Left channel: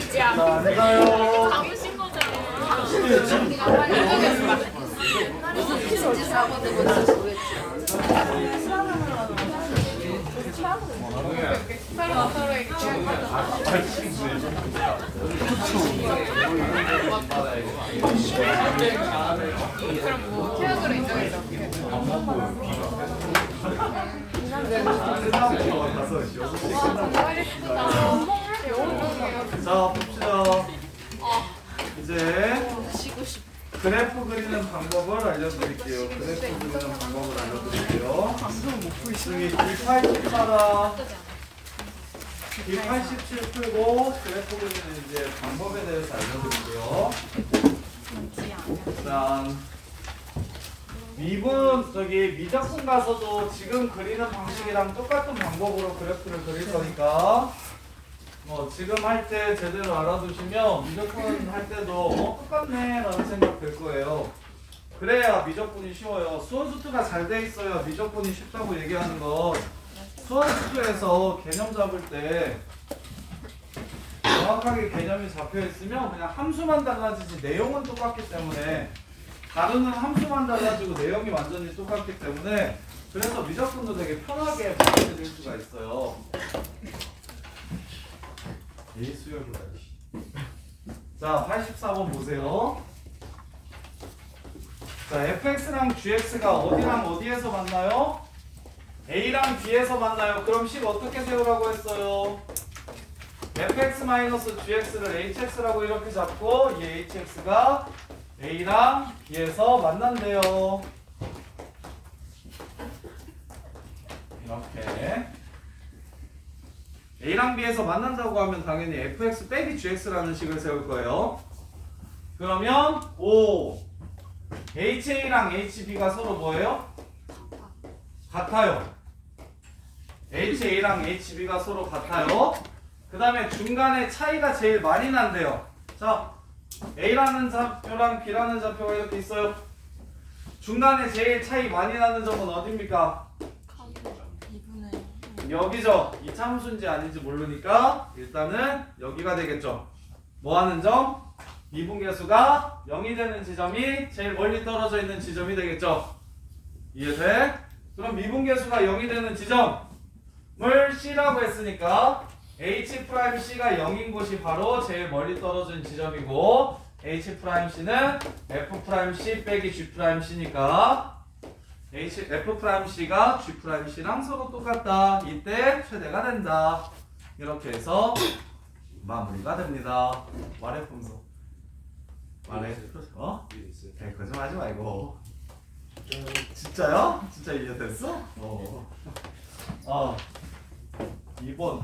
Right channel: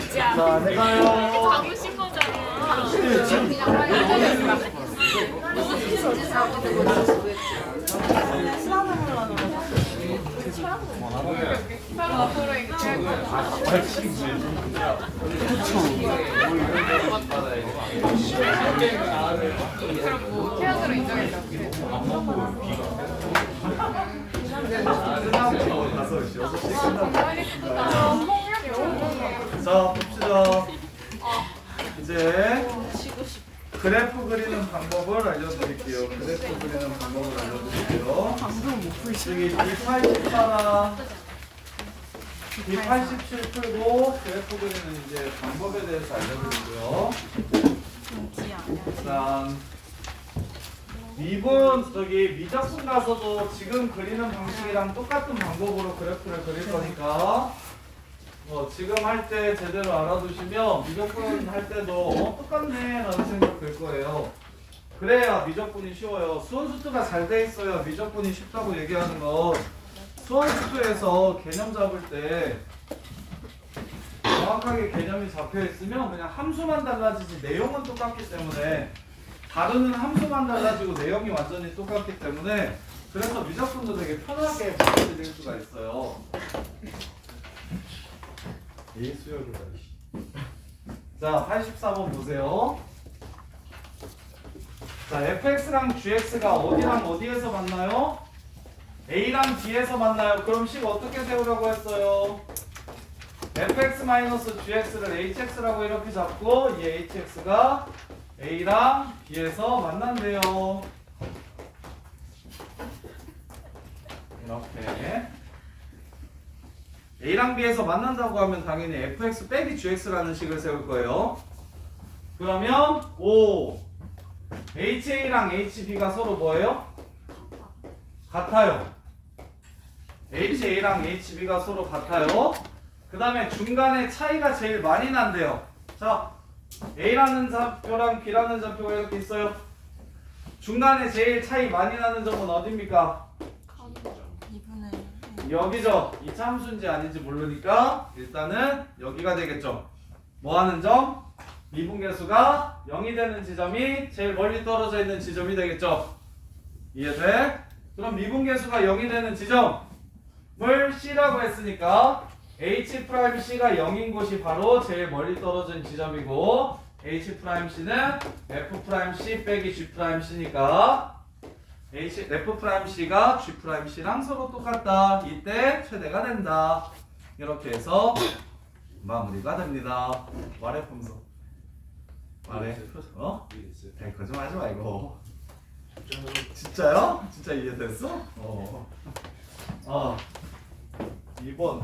자, 네 가요. 당신 거잖아. 자, 봅시다. 이제 그래프 그리는 방법을 알려드릴게요. 그래프 그리는 방법을 알려드릴게요. 여기 D84랑 D87 풀고 그래프 그리는 이제 방법에 대해서 알려드릴게요. 일단 미적분 가서도 지금 그리는 방식이랑 똑같은 방법으로 그래프를 그릴 거니까 지금 할 때 제대로 알아두시면 미적분 할 때도 똑같네 라는 생각 들 거예요. 그래야 미적분이 쉬워요. 수원수투가 잘 돼 있어야 미적분이 쉽다고 얘기하는 건 수원수투에서 개념 잡을 때 정확하게 개념이 잡혀 있으면 그냥 함수만 달라지지 내용은 똑같기 때문에 다루는 함수만 달라지고 내용이 완전히 똑같기 때문에 그래서 미적분도 되게 편하게 받아들일 수가 있어요. 예수열을 자, 84번 보세요. 자, fx랑 gx가 어디랑 어디에서 만나요? a랑 b에서 만나요. 그럼 식 어떻게 세우라고 했어요? fx-gx를 hx라고 이렇게 잡고 이 hx가 a랑 b에서 만난대요. 이렇게 a랑 b에서 만난다고 하면 당연히 fx 빼기 gx라는 식을 세울 거예요. 그러면 ha랑 hb가 서로 뭐예요? 같아요. ha랑 hb가 서로 같아요. 그 다음에 중간에 차이가 제일 많이 난대요. 자, a라는 좌표랑 b라는 좌표가 이렇게 있어요. 중간에 제일 차이 많이 나는 점은 어딥니까? 여기죠. 이 참수인지 아닌지 모르니까 일단은 여기가 되겠죠. 뭐 하는 점? 미분계수가 0이 되는 지점이 제일 멀리 떨어져 있는 지점이 되겠죠. 이해돼? 그럼 미분계수가 0이 되는 지점을 C라고 했으니까 H'C가 0인 곳이 바로 제일 멀리 떨어진 지점이고 H'C는 F'C 빼기 G'C니까 F'C가 G'C랑 서로 똑같다. 이때 최대가 된다. 이렇게 해서 마무리가 됩니다. 말해 품소. 말해. 네, 거짓말하지 말고. 진짜요? 진짜 이해됐어? 2번에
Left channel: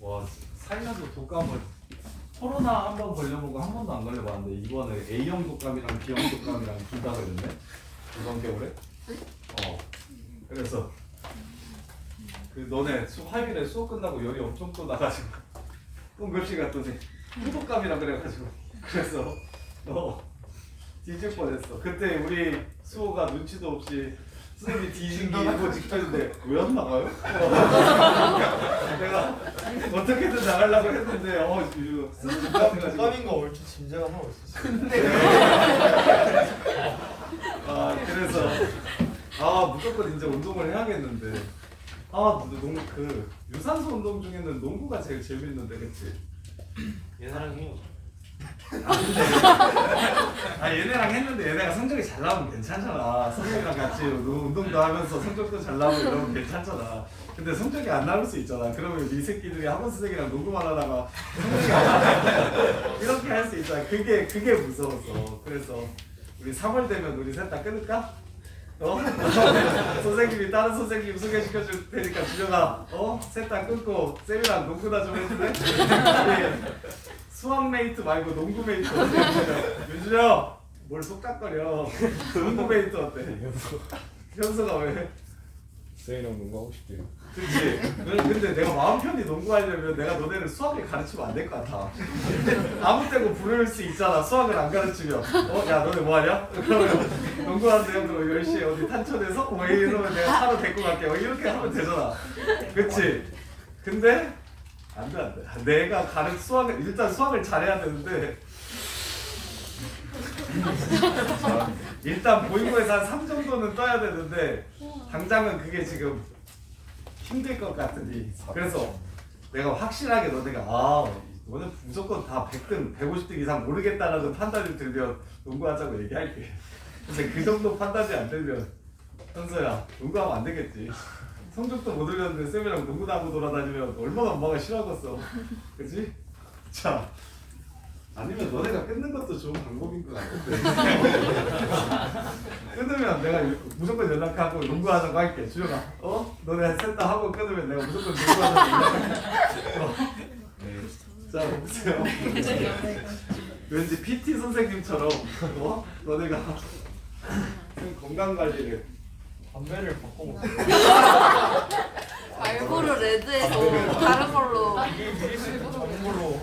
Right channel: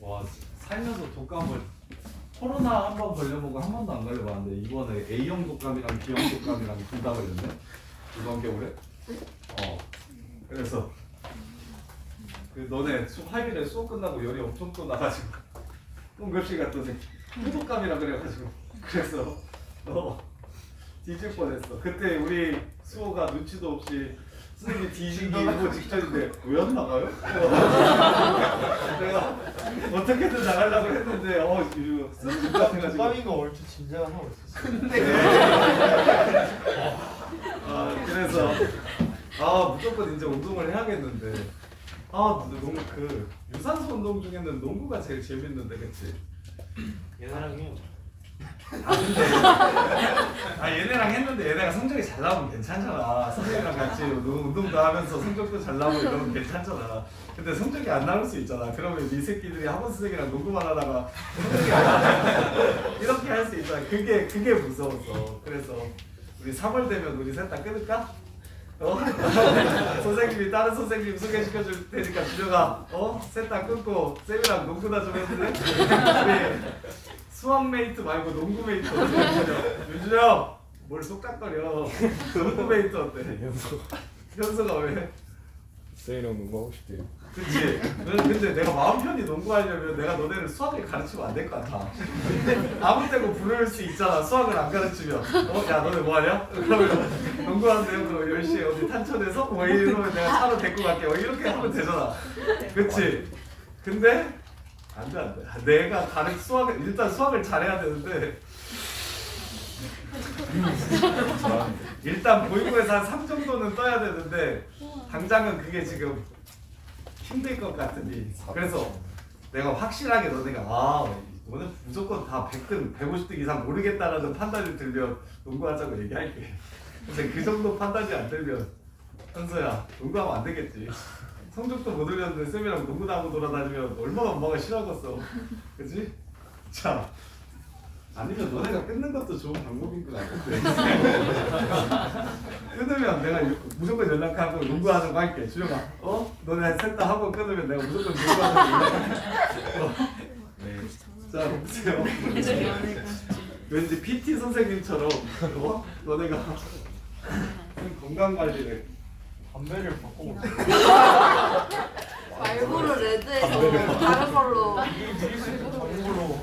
와, 살면서 독감을 코로나 한 번 걸려보고 한 번도 안 걸려봤는데 이번에 A형 독감이랑 B형 독감이랑 둘 다 걸렸네. 이번 겨울에. 그래서 그 너네 화요일에 수업 끝나고 열이 엄청 또 나가지고 응급실 갔더니 후독감이라 그래가지고 그래서 뒤질 뻔했어. 그때 우리 수호가 눈치도 없이 선생님이 뒤지기 일보 직전인데 왜 안 나가요? 내가 어떻게든 나가려고 했는데 선생님 같아가지고 독감인 거 얼추 짐작은 하고 있었어. 근데 그래서 무조건 이제 운동을 해야겠는데 그 유산소 운동 중에는 농구가 제일 재밌는데 그치? 얘나랑 해요. 얘네랑 했는데 얘네가 성적이 잘 나오면 괜찮잖아. 선생님이랑 같이 운동도 하면서 성적도 잘 나오고 이러면 괜찮잖아. 근데 성적이 안 나올 수 있잖아. 그러면 이 새끼들이 학원 선생이랑 농구만 하다가 성적이 안 나와. 이렇게 할 수 있잖아. 그게 무서워서. 그래서 우리 3월 되면 우리 셋 다 끊을까? 선생님이 다른 선생님 소개시켜 줄 테니까 준영아 셋 다 끊고 쌤이랑 농구나 좀 해줄래? 우리 수학 메이트 말고 농구 메이트 어때? 윤준영 뭘 쏙닥거려. 농구 메이트 어때? 현수가 왜? 쌤이랑 농구하고 싶대요. 그치? 근데 내가 마음 편히 농구하려면 내가 너네를 수학을 가르치면 안 될 것 같아. 아무 때고 부를 수 있잖아. 수학을 안 가르치면 야 너네 뭐하냐? 그러면 농구한대요. 그럼 10시에 어디 탄천에서? 이러면 내가 차로 데리고 갈게. 이렇게 하면 되잖아. 그치? 근데 안돼. 내가 수학을 일단 수학을 잘해야 되는데 일단 모의고에서 한 3 정도는 떠야 되는데 당장은 그게 지금 힘들 것 같으니 그래서 내가 확실하게 너네가 오늘 무조건 다 100등 150등 이상 모르겠다라는 판단이 들면 농구하자고 얘기할게. 근데 그 정도 판단이 안 들면 현수야 농구하면 안 되겠지. 성적도 못 올렸는데 쌤이랑 농구도 하고 돌아다니면 얼마나 엄마가 싫어하겠어. 그치? 자 아니면 너네가 끊는 것도 좋은 방법인 것 같은데. 끊으면 내가 무조건 연락하고 농구하자고 할게. 주영아, 너네 셋 다 하고 끊으면 내가 무조건 농구하자고 연락할게. 자, 보세요. 왠지 PT 선생님처럼 너네가 건강 관리를 담배를 바꿔 먹어. 말고로 레드에서 다른 걸로 다른 걸로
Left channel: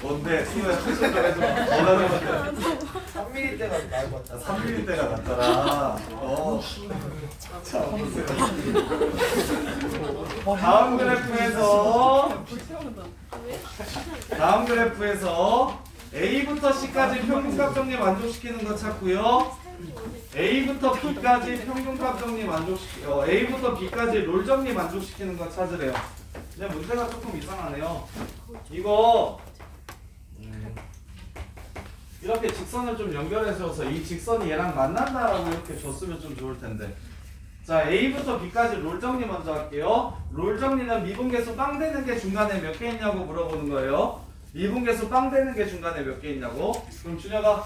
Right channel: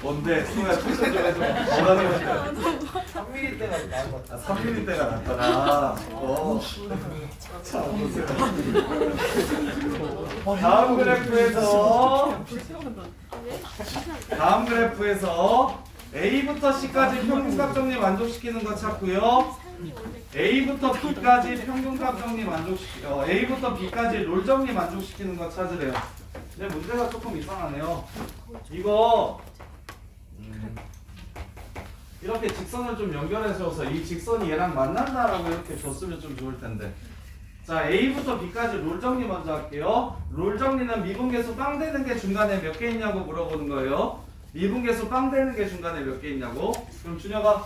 뭔데? 수호야 추천 좀 해줘. 뭐라는 건데? 3mm 때가 나을 것 같아. 3mm 때가 낫더라. 자, 보세요. 다음 그래프에서 A부터 C까지 평균값 정리 만족시키는 거 찾고요. A부터 B까지 평균값 정리 A부터 B까지 롤 정리 만족시키는 거 찾으래요. 근데 문제가 조금 이상하네요. 이거 이렇게 직선을 좀 연결해줘서 이 직선이 얘랑 만난다라고 이렇게 줬으면 좀 좋을 텐데. 자, A부터 B까지 롤 정리 먼저 할게요. 롤 정리는 미분계수 빵 되는 게 중간에 몇 개 있냐고 물어보는 거예요. 미분계수 빵 되는 게 중간에 몇 개 있냐고. 그럼 준혁아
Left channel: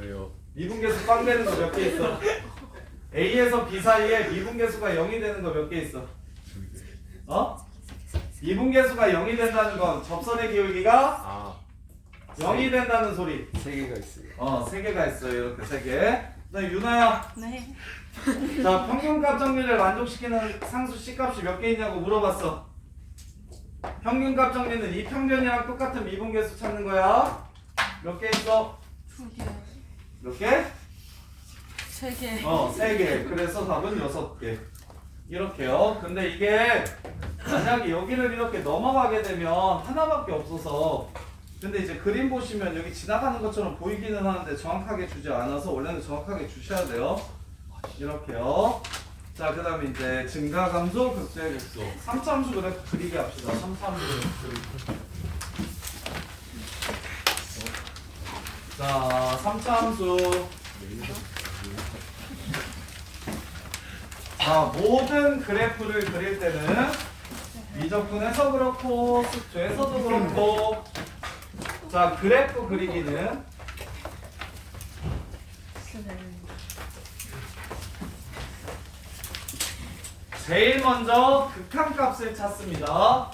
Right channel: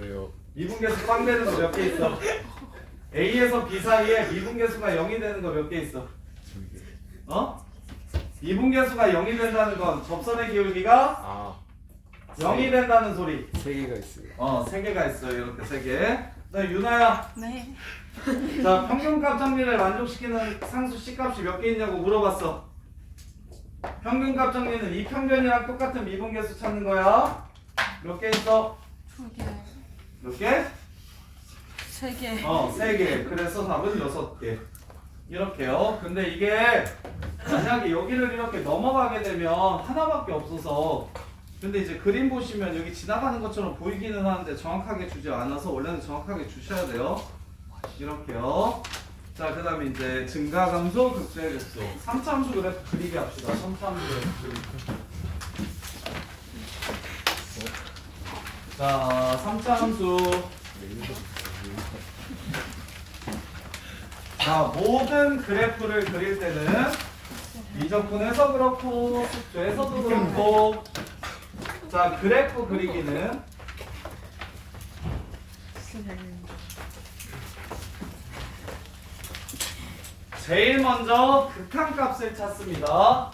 왜요? 미분계수 빵 되는 거 몇 개 있어? A에서 B 사이에 미분계수가 0이 되는 거 몇 개 있어? 미분계수가 0이 된다는 건 접선의 기울기가 0이 된다는 소리. 3개가 있어요. 3개가 있어요. 이렇게 3개. 그다음에 윤아야. 네. 자, 평균값 정리를 만족시키는 상수 C값이 몇 개 있냐고 물어봤어. 평균값 정리는 이 평균이랑 똑같은 미분계수 찾는 거야. 몇 개 있어? 2개, 몇 개? 3개. 3개. 그래서 답은 6개. 이렇게요. 근데 이게 만약에 여기를 이렇게 넘어가게 되면 하나밖에 없어서 근데 이제 그림 보시면 여기 지나가는 것처럼 보이기는 하는데 정확하게 주지 않아서 원래는 정확하게 주셔야 돼요. 이렇게요. 자, 그 다음에 이제 증가 감소, 극대 극소. 3차 함수 그래프 그리기 합시다. 3차 함수 그래프 그리기. 자, 3차 함수. 자, 모든 그래프를 그릴 때는 미적분에서 그렇고 숙제에서도 그렇고 자, 그래프 그리기는 제일 먼저 극한값을 찾습니다.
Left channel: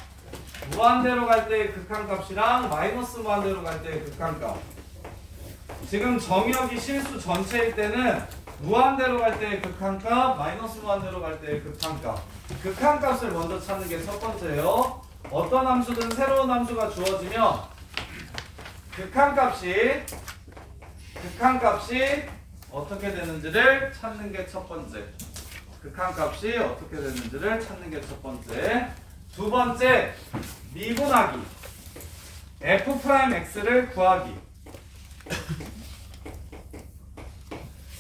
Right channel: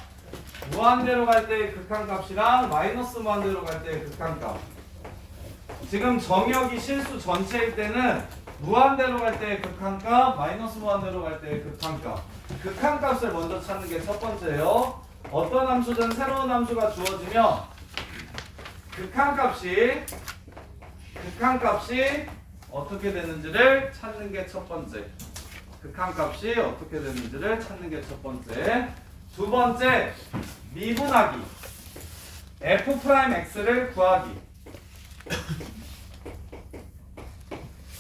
무한대로 갈 때의 극한값이랑 마이너스 무한대로 갈 때의 극한값. 지금 정역이 실수 전체일 때는 무한대로 갈 때의 극한값, 마이너스 무한대로 갈 때의 극한값. 극한값을 먼저 찾는 게 첫 번째예요. 어떤 함수든 새로운 함수가 주어지면 극한값이 어떻게 되는지를 찾는 게 첫 번째. 극한값이 어떻게 되는지를 찾는 게 첫 번째. 두 번째, 미분하기. f'x를 구하기.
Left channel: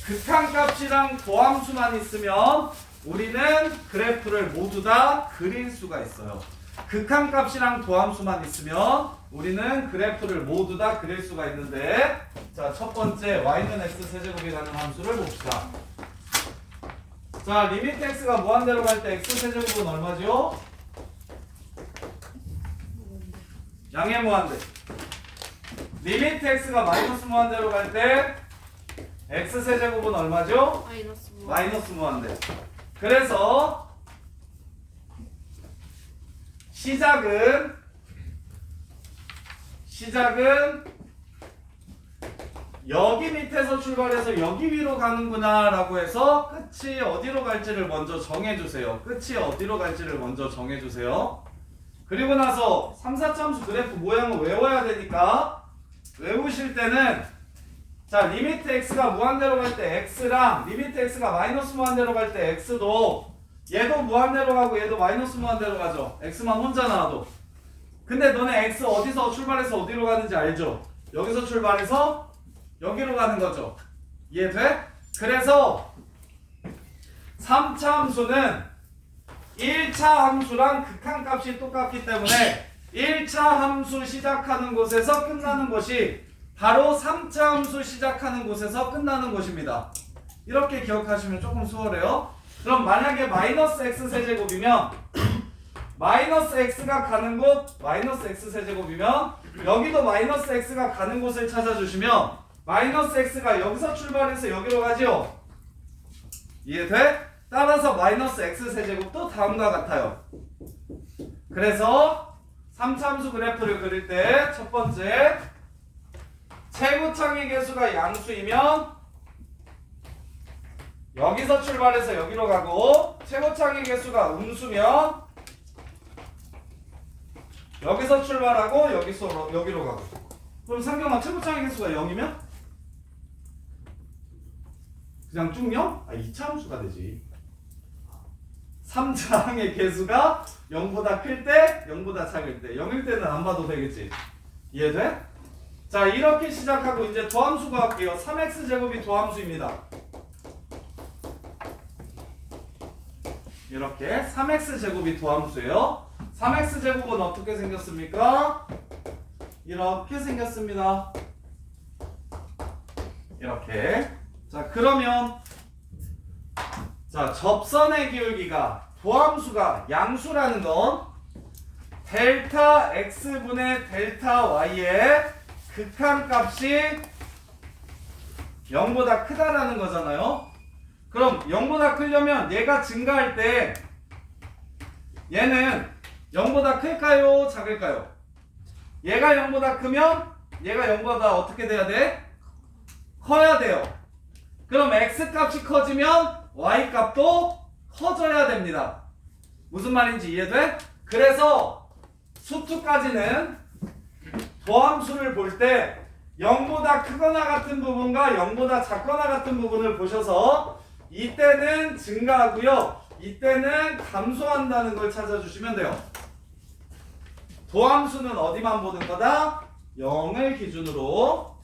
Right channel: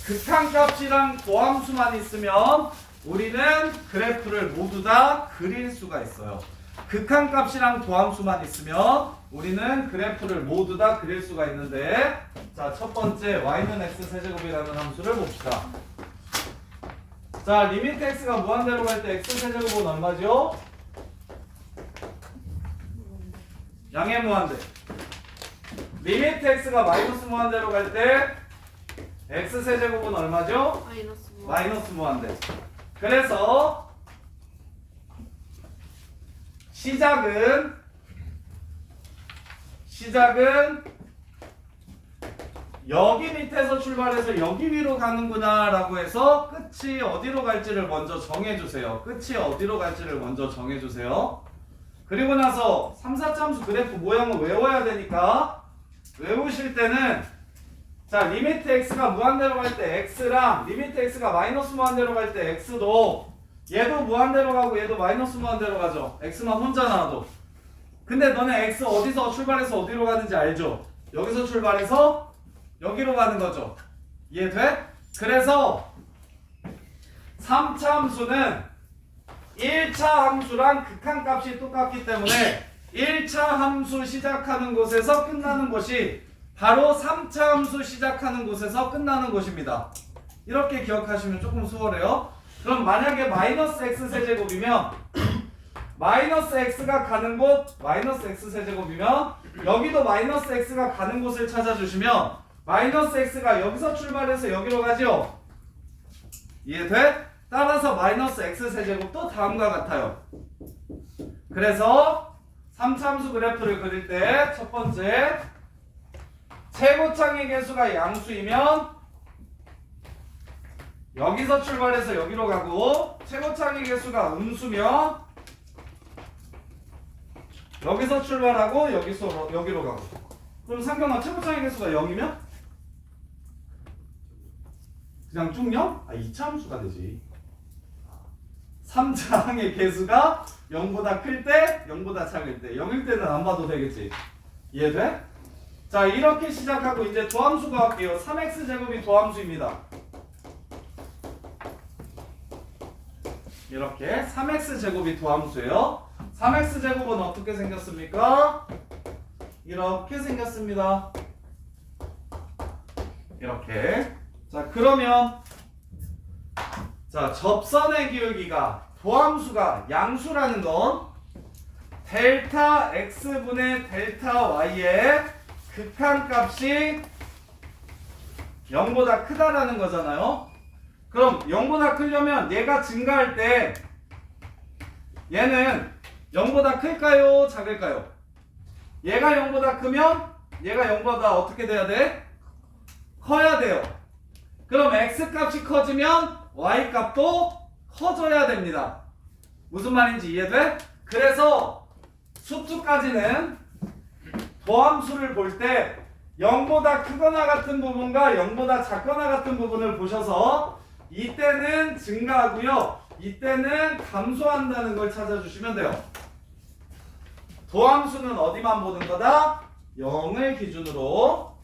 극한값이랑 도함수만 있으면 우리는 그래프를 모두 다 그릴 수가 있어요. 극한값이랑 도함수만 있으면 우리는 그래프를 모두 다 그릴 수가 있는데 자, 첫 번째 y는 x 세제곱이라는 함수를 봅시다. 자, 리미트 x가 무한대로 갈 때 x 세제곱은 얼마죠? 양의 무한대. 리미트 x가 마이너스 무한대로 갈 때 x 세제곱은 얼마죠? 마이너스 무한대. 그래서 시작은 여기 밑에서 출발해서 여기 위로 가는구나 라고 해서 끝이 어디로 갈지를 먼저 정해주세요. 그리고 나서 3, 4차 함수 그래프 모양을 외워야 되니까 외우실 때는 자, 리미트 x가 무한대로 갈 때 x랑 리미트 x가 마이너스 무한대로 갈 때 x도 얘도 무한대로 가고 얘도 마이너스 무한대로 가죠. x만 혼자 나와도. 근데 너네 x 어디서 출발해서 어디로 가는지 알죠? 여기서 출발해서 여기로 가는 거죠. 이해돼? 그래서 3차 함수는 1차 함수랑 극한값이 똑같기 때문에 1차 함수 시작하는 곳에서 끝나는 것이 바로 3차 함수 시작하는 곳에서 끝나는 것입니다. 이렇게 기억하시면 조금 수월해요. 그럼 만약에 마이너스 x 세제곱이면 마이너스 x가 가는 곳 마이너스 x 세제곱이면 여기도 마이너스 x가 가는 곳을 찾아주시면 마이너스 x가 여기서 출발해서 여기로 가죠. 이해돼? 따라서 마이너스 x 세제곱도 다음과 같아요. 그래서 3참수 그래프를 그릴 때 첫 번째 최고창의 개수가 양수이면 여기서 출발해서 여기로 가고 최고창의 개수가 음수면 여기서 출발하고 여기로 가고. 그럼 상경아 최고창의 개수가 0이면 그냥 쭉 0? 2차 함수가 되지. 3차항의 개수가 0보다 클 때, 0보다 작을 때, 0일 때는 안 봐도 되겠지. 이해돼? 자, 이렇게 시작하고 이제 도함수 구할게요. 3x제곱이 도함수입니다. 이렇게 3x제곱이 도함수예요. 3x제곱은 어떻게 생겼습니까? 이렇게 생겼습니다. 이렇게. 자, 그러면 자, 접선의 기울기가 도함수가 양수라는 건 델타 x분의 델타 y의 극한값이 0보다 크다라는 거잖아요. 그럼 0보다 크려면 얘가 증가할 때 얘는 0보다 클까요? 작을까요? 얘가 0보다 크면 얘가 0보다 어떻게 돼야 돼? 커야 돼요. 그럼 x값이 커지면 y값도 커져야 됩니다. 무슨 말인지 이해돼? 그래서 수투까지는 도함수를 볼 때 0보다 크거나 같은 부분과 0보다 작거나 같은 부분을 보셔서 이때는 증가하고요. 이때는 감소한다는 걸 찾아주시면 돼요. 도함수는 어디만 보는 거다? 0을 기준으로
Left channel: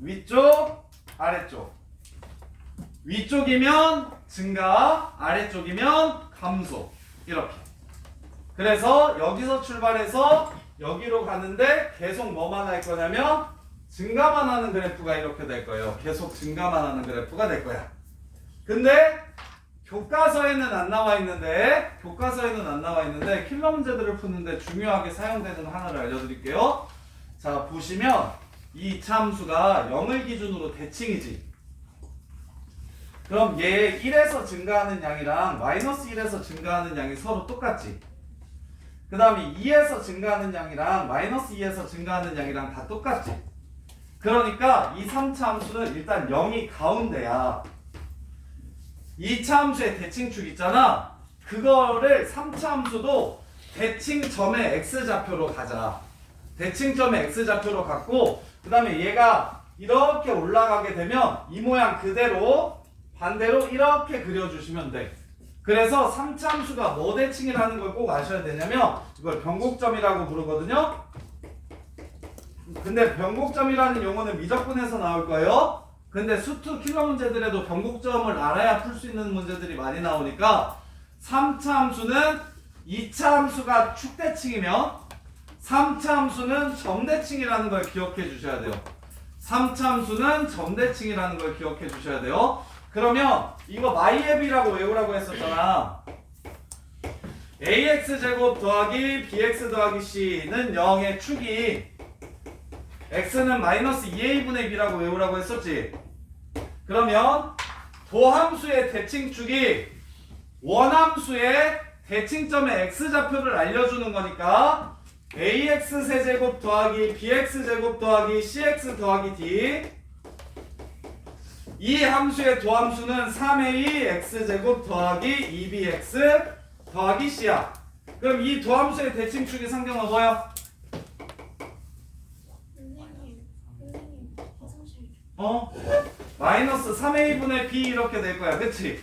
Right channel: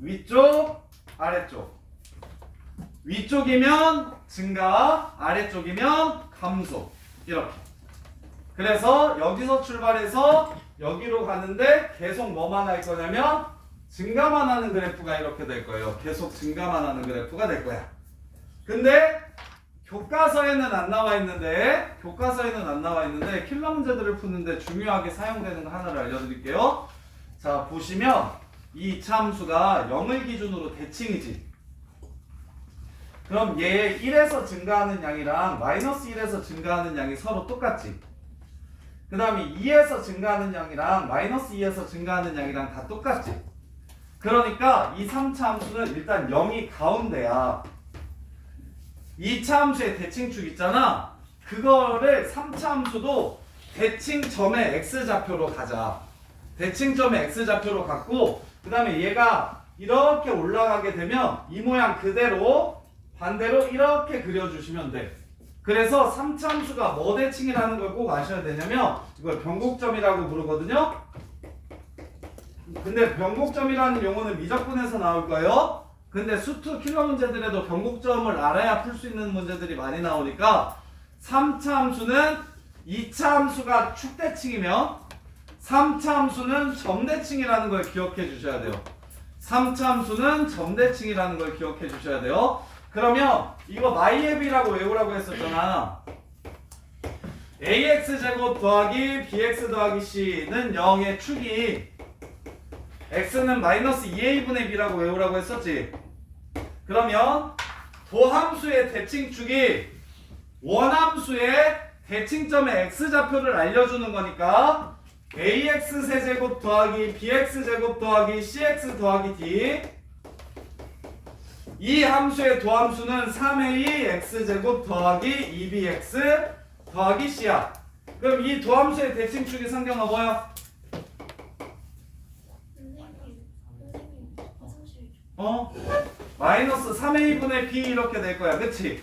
위쪽, 아래쪽. 위쪽이면 증가, 아래쪽이면 감소. 이렇게. 그래서 여기서 출발해서 여기로 가는데 계속 뭐만 할 거냐면 증가만 하는 그래프가 이렇게 될 거예요. 계속 증가만 하는 그래프가 될 거야. 근데 교과서에는 안 나와 있는데 킬러 문제들을 푸는데 중요하게 사용되는 거 하나를 알려드릴게요. 자, 보시면 이 참수가 0을 기준으로 대칭이지. 그럼 얘 1에서 증가하는 양이랑 마이너스 1에서 증가하는 양이 서로 똑같지. 그 다음에 2에서 증가하는 양이랑 마이너스 2에서 증가하는 양이랑 다 똑같지. 그러니까 이 3차 함수는 일단 0이 가운데야. 2차 함수의 대칭축 있잖아. 그거를 3차 함수도 대칭점의 x좌표로 가자. 대칭점의 x좌표로 갖고 그 다음에 얘가 이렇게 올라가게 되면 이 모양 그대로 반대로 이렇게 그려주시면 돼. 그래서 3차 함수가 뭐 대칭이라는 걸 꼭 아셔야 되냐면 이걸 변곡점이라고 부르거든요. 근데 변곡점이라는 용어는 미적분에서 나올 거예요. 근데 수투 킬러 문제들에도 변곡점을 알아야 풀 수 있는 문제들이 많이 나오니까 3차 함수는 2차 함수가 축대칭이면 3차 함수는 점대칭이라는 걸 기억해 주셔야 돼요. 3차 함수는 점대칭이라는 걸 기억해 주셔야 돼요. 그러면 이거 my앱이라고 외우라고 했었잖아. ax제곱 더하기 bx 더하기 c는 0의 축이 x는 마이너스 2a분의 b라고 외우라고 했었지. 그러면 도함수의 대칭축이 원함수의 대칭점의 x좌표를 알려주는 거니까 ax 세제곱 더하기 bx 제곱 더하기 cx 더하기 d 이 함수의 도함수는 3a x제곱 더하기 2bx 더하기 c야. 그럼 이 도함수의 대칭축이 상경하 뭐야? 마이너스 3a 분의 b 이렇게 될 거야. 그치?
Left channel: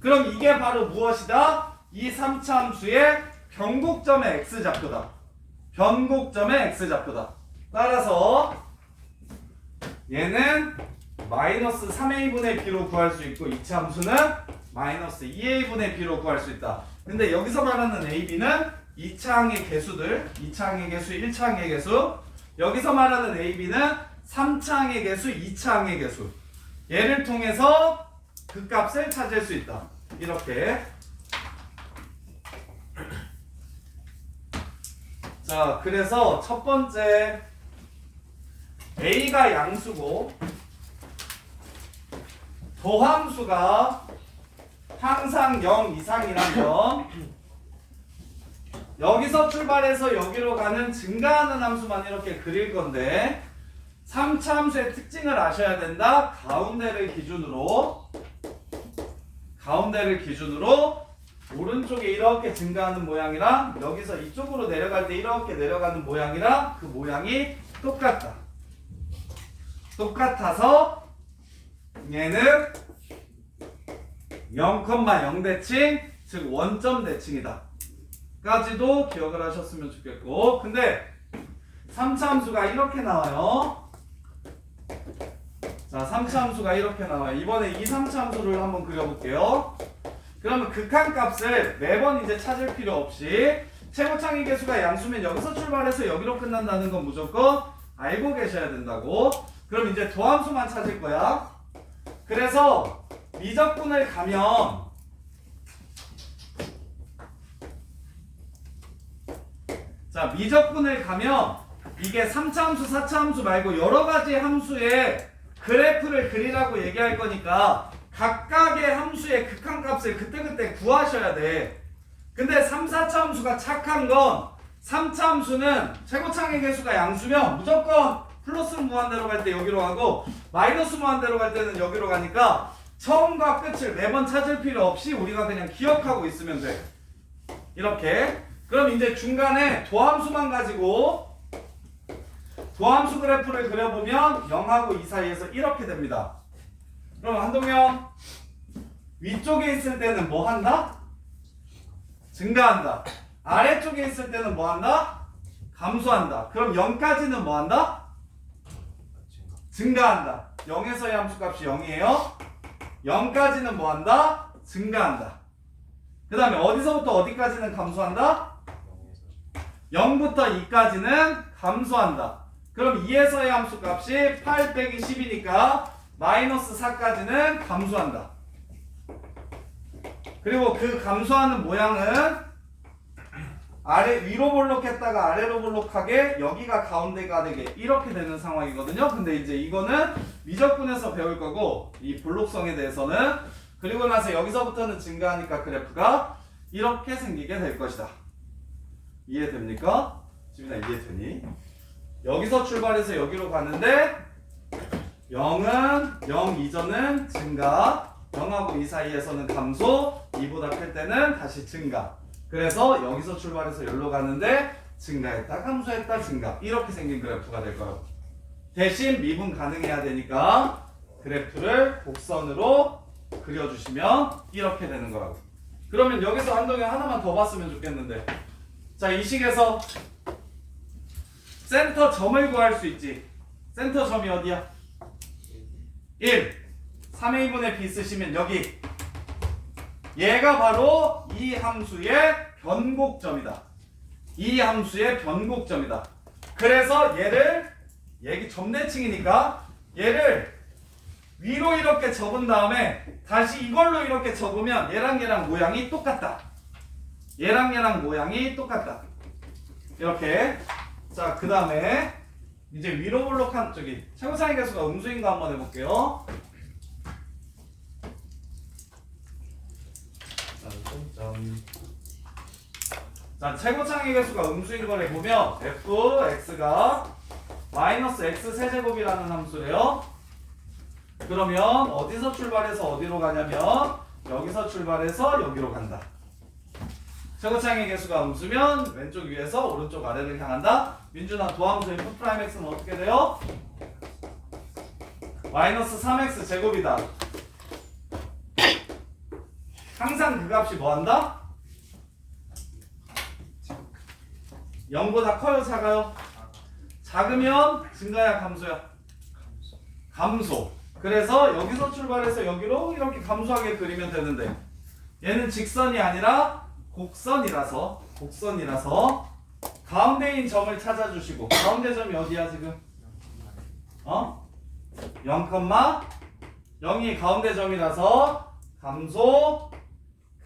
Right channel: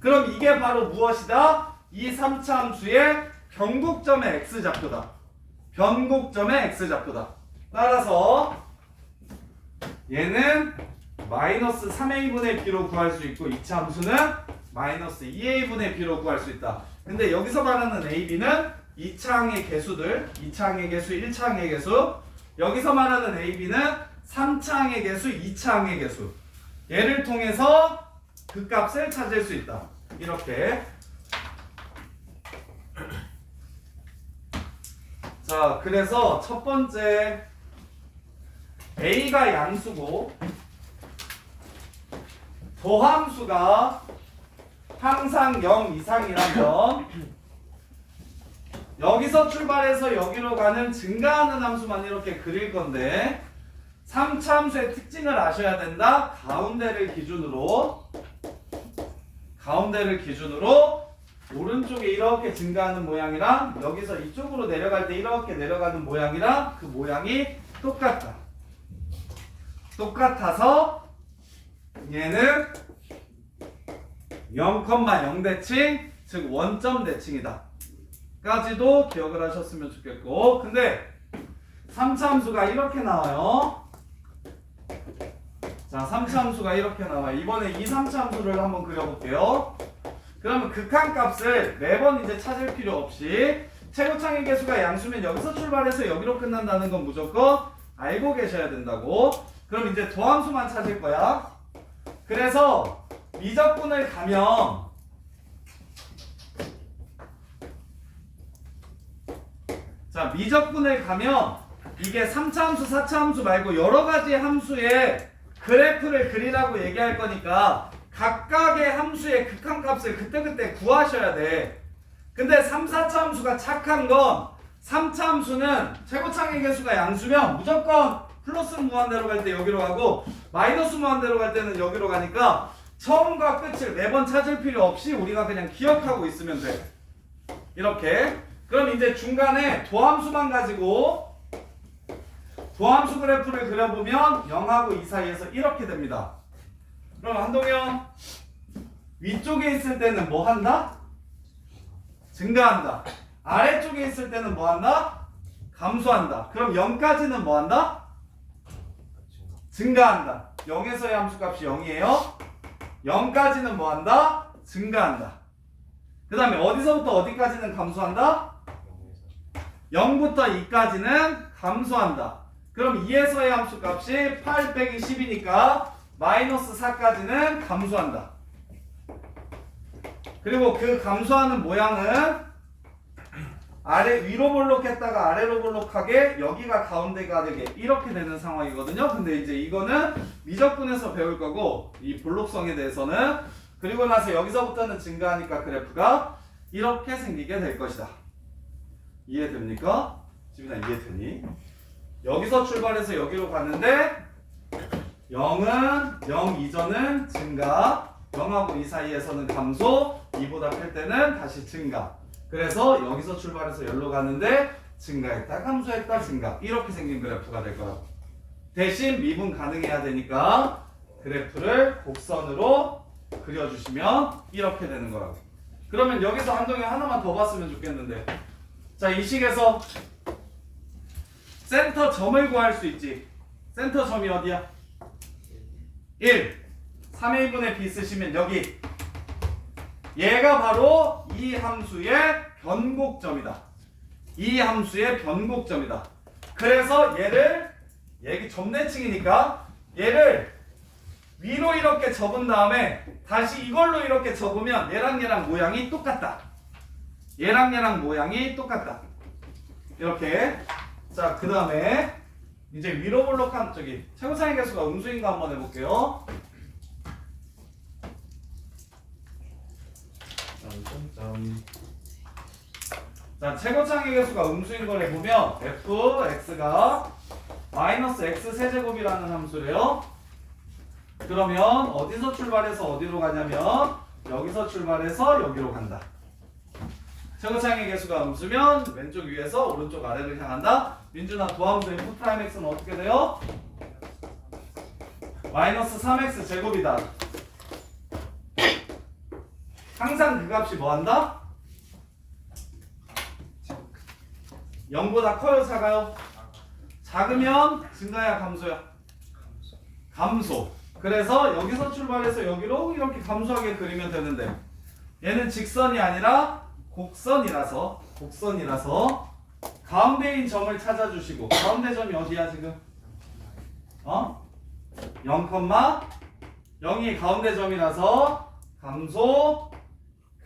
그럼 이게 바로 무엇이다? 이 3차 함수의 변곡점의 x좌표다. 변곡점의 x좌표다. 따라서 얘는 마이너스 3a 분의 b로 구할 수 있고 2차 함수는 마이너스 2a 분의 b로 구할 수 있다. 근데 여기서 말하는 a, b는 2차항의 개수들, 2차항의 개수, 1차항의 개수. 여기서 말하는 a, b는 3차항의 개수, 2차항의 개수. 얘를 통해서 그 값을 찾을 수 있다. 이렇게. 자, 그래서 첫 번째 a가 양수고 도함수가 항상 0 이상이라면 여기서 출발해서 여기로 가는 증가하는 함수만 이렇게 그릴 건데 3차 함수의 특징을 아셔야 된다. 가운데를 기준으로 오른쪽에 이렇게 증가하는 모양이랑 여기서 이쪽으로 내려갈 때 이렇게 내려가는 모양이랑 그 모양이 똑같다. 똑같아서 얘는 0,0 대칭, 즉 원점 대칭이다. 까지도 기억을 하셨으면 좋겠고, 근데 3차 함수가 이렇게 나와요. 자, 3차 함수가 이렇게 나와요. 이번에 2, 3차 함수를 한번 그려볼게요. 그러면 극한값을 매번 이제 찾을 필요 없이 최고창의 개수가 양수면 여기서 출발해서 여기로 끝난다는 건 무조건 알고 계셔야 된다고. 그럼 이제 도함수만 찾을 거야. 그래서 미적분을 가면 이게 3차 함수, 4차 함수 말고 여러 가지 함수의 그래프를 그리라고 얘기할 거니까 각각의 함수의 극한값을 그때그때 구하셔야 돼. 근데 3, 4차 함수가 착한 건 3차 함수는 최고창의 개수가 양수면 무조건 플러스 무한대로 갈 때 여기로 가고 마이너스 무한대로 갈 때는 여기로 가니까 처음과 끝을 매번 찾을 필요 없이 우리가 그냥 기억하고 있으면 돼. 이렇게. 그럼 이제 중간에 도함수만 가지고 도함수 그래프를 그려보면 0하고 2 사이에서 이렇게 됩니다. 그럼 한동영, 위쪽에 있을 때는 뭐 한다? 증가한다. 아래쪽에 있을 때는 뭐 한다? 감소한다. 그럼 0까지는 뭐 한다? 증가한다. 0에서의 함수값이 0이에요. 0까지는 뭐 한다? 증가한다. 그 다음에 어디서부터 어디까지는 감소한다? 0부터 2까지는 감소한다. 그럼 2에서의 함수값이 8 빼기 10이니까 마이너스 4까지는 감소한다. 그리고 그 감소하는 모양은 위로 볼록했다가 아래로 볼록하게 여기가 가운데가 되게 이렇게 되는 상황이거든요. 근데 이제 이거는 미적분에서 배울 거고 이 볼록성에 대해서는 그리고 나서 여기서부터는 증가하니까 그래프가 이렇게 생기게 될 것이다. 이해됩니까? 지민아 이해되니? 여기서 출발해서 여기로 가는데 0은 0 이전은 증가, 0하고 2 사이에서는 감소, 2보다 클 때는 다시 증가. 그래서 여기서 출발해서 여기로 가는데 증가했다, 감소했다, 증가. 이렇게 생긴 그래프가 될 거라고. 대신 미분 가능해야 되니까 그래프를 곡선으로 그려주시면 이렇게 되는 거라고. 그러면 여기서 한동현 하나만 더 봤으면 좋겠는데. 자, 이 식에서 센터 점을 구할 수 있지. 센터 점이 어디야? 1. 3a분의 b 쓰시면 여기. 얘가 바로 이 함수의 변곡점이다. 이 함수의 변곡점이다. 그래서 얘기 점대칭이니까 얘를 위로 이렇게 접은 다음에 다시 이걸로 이렇게 접으면 얘랑 모양이 똑같다. 얘랑 모양이 똑같다. 이렇게. 자, 그 다음에 이제 위로 볼록한 최고상의 개수가 음수인가 한번 해볼게요. 자, 최고창의 개수가 음수인 걸 해보면 fx가 마이너스 x 세제곱이라는 함수래요. 그러면 어디서 출발해서 어디로 가냐면 여기서 출발해서 여기로 간다. 최고창의 개수가 음수면 왼쪽 위에서 오른쪽 아래를 향한다. 민준아, 도함수 f'(x는 어떻게 돼요? 마이너스 3x 제곱이다. 항상 그 값이 뭐한다? 0보다 커요 작아요? 작으면 증가야 감소야? 감소. 그래서 여기서 출발해서 여기로 이렇게 감소하게 그리면 되는데 얘는 직선이 아니라 곡선이라서 가운데인 점을 찾아주시고 가운데 점이 어디야 지금? 0,0이 가운데 점이라서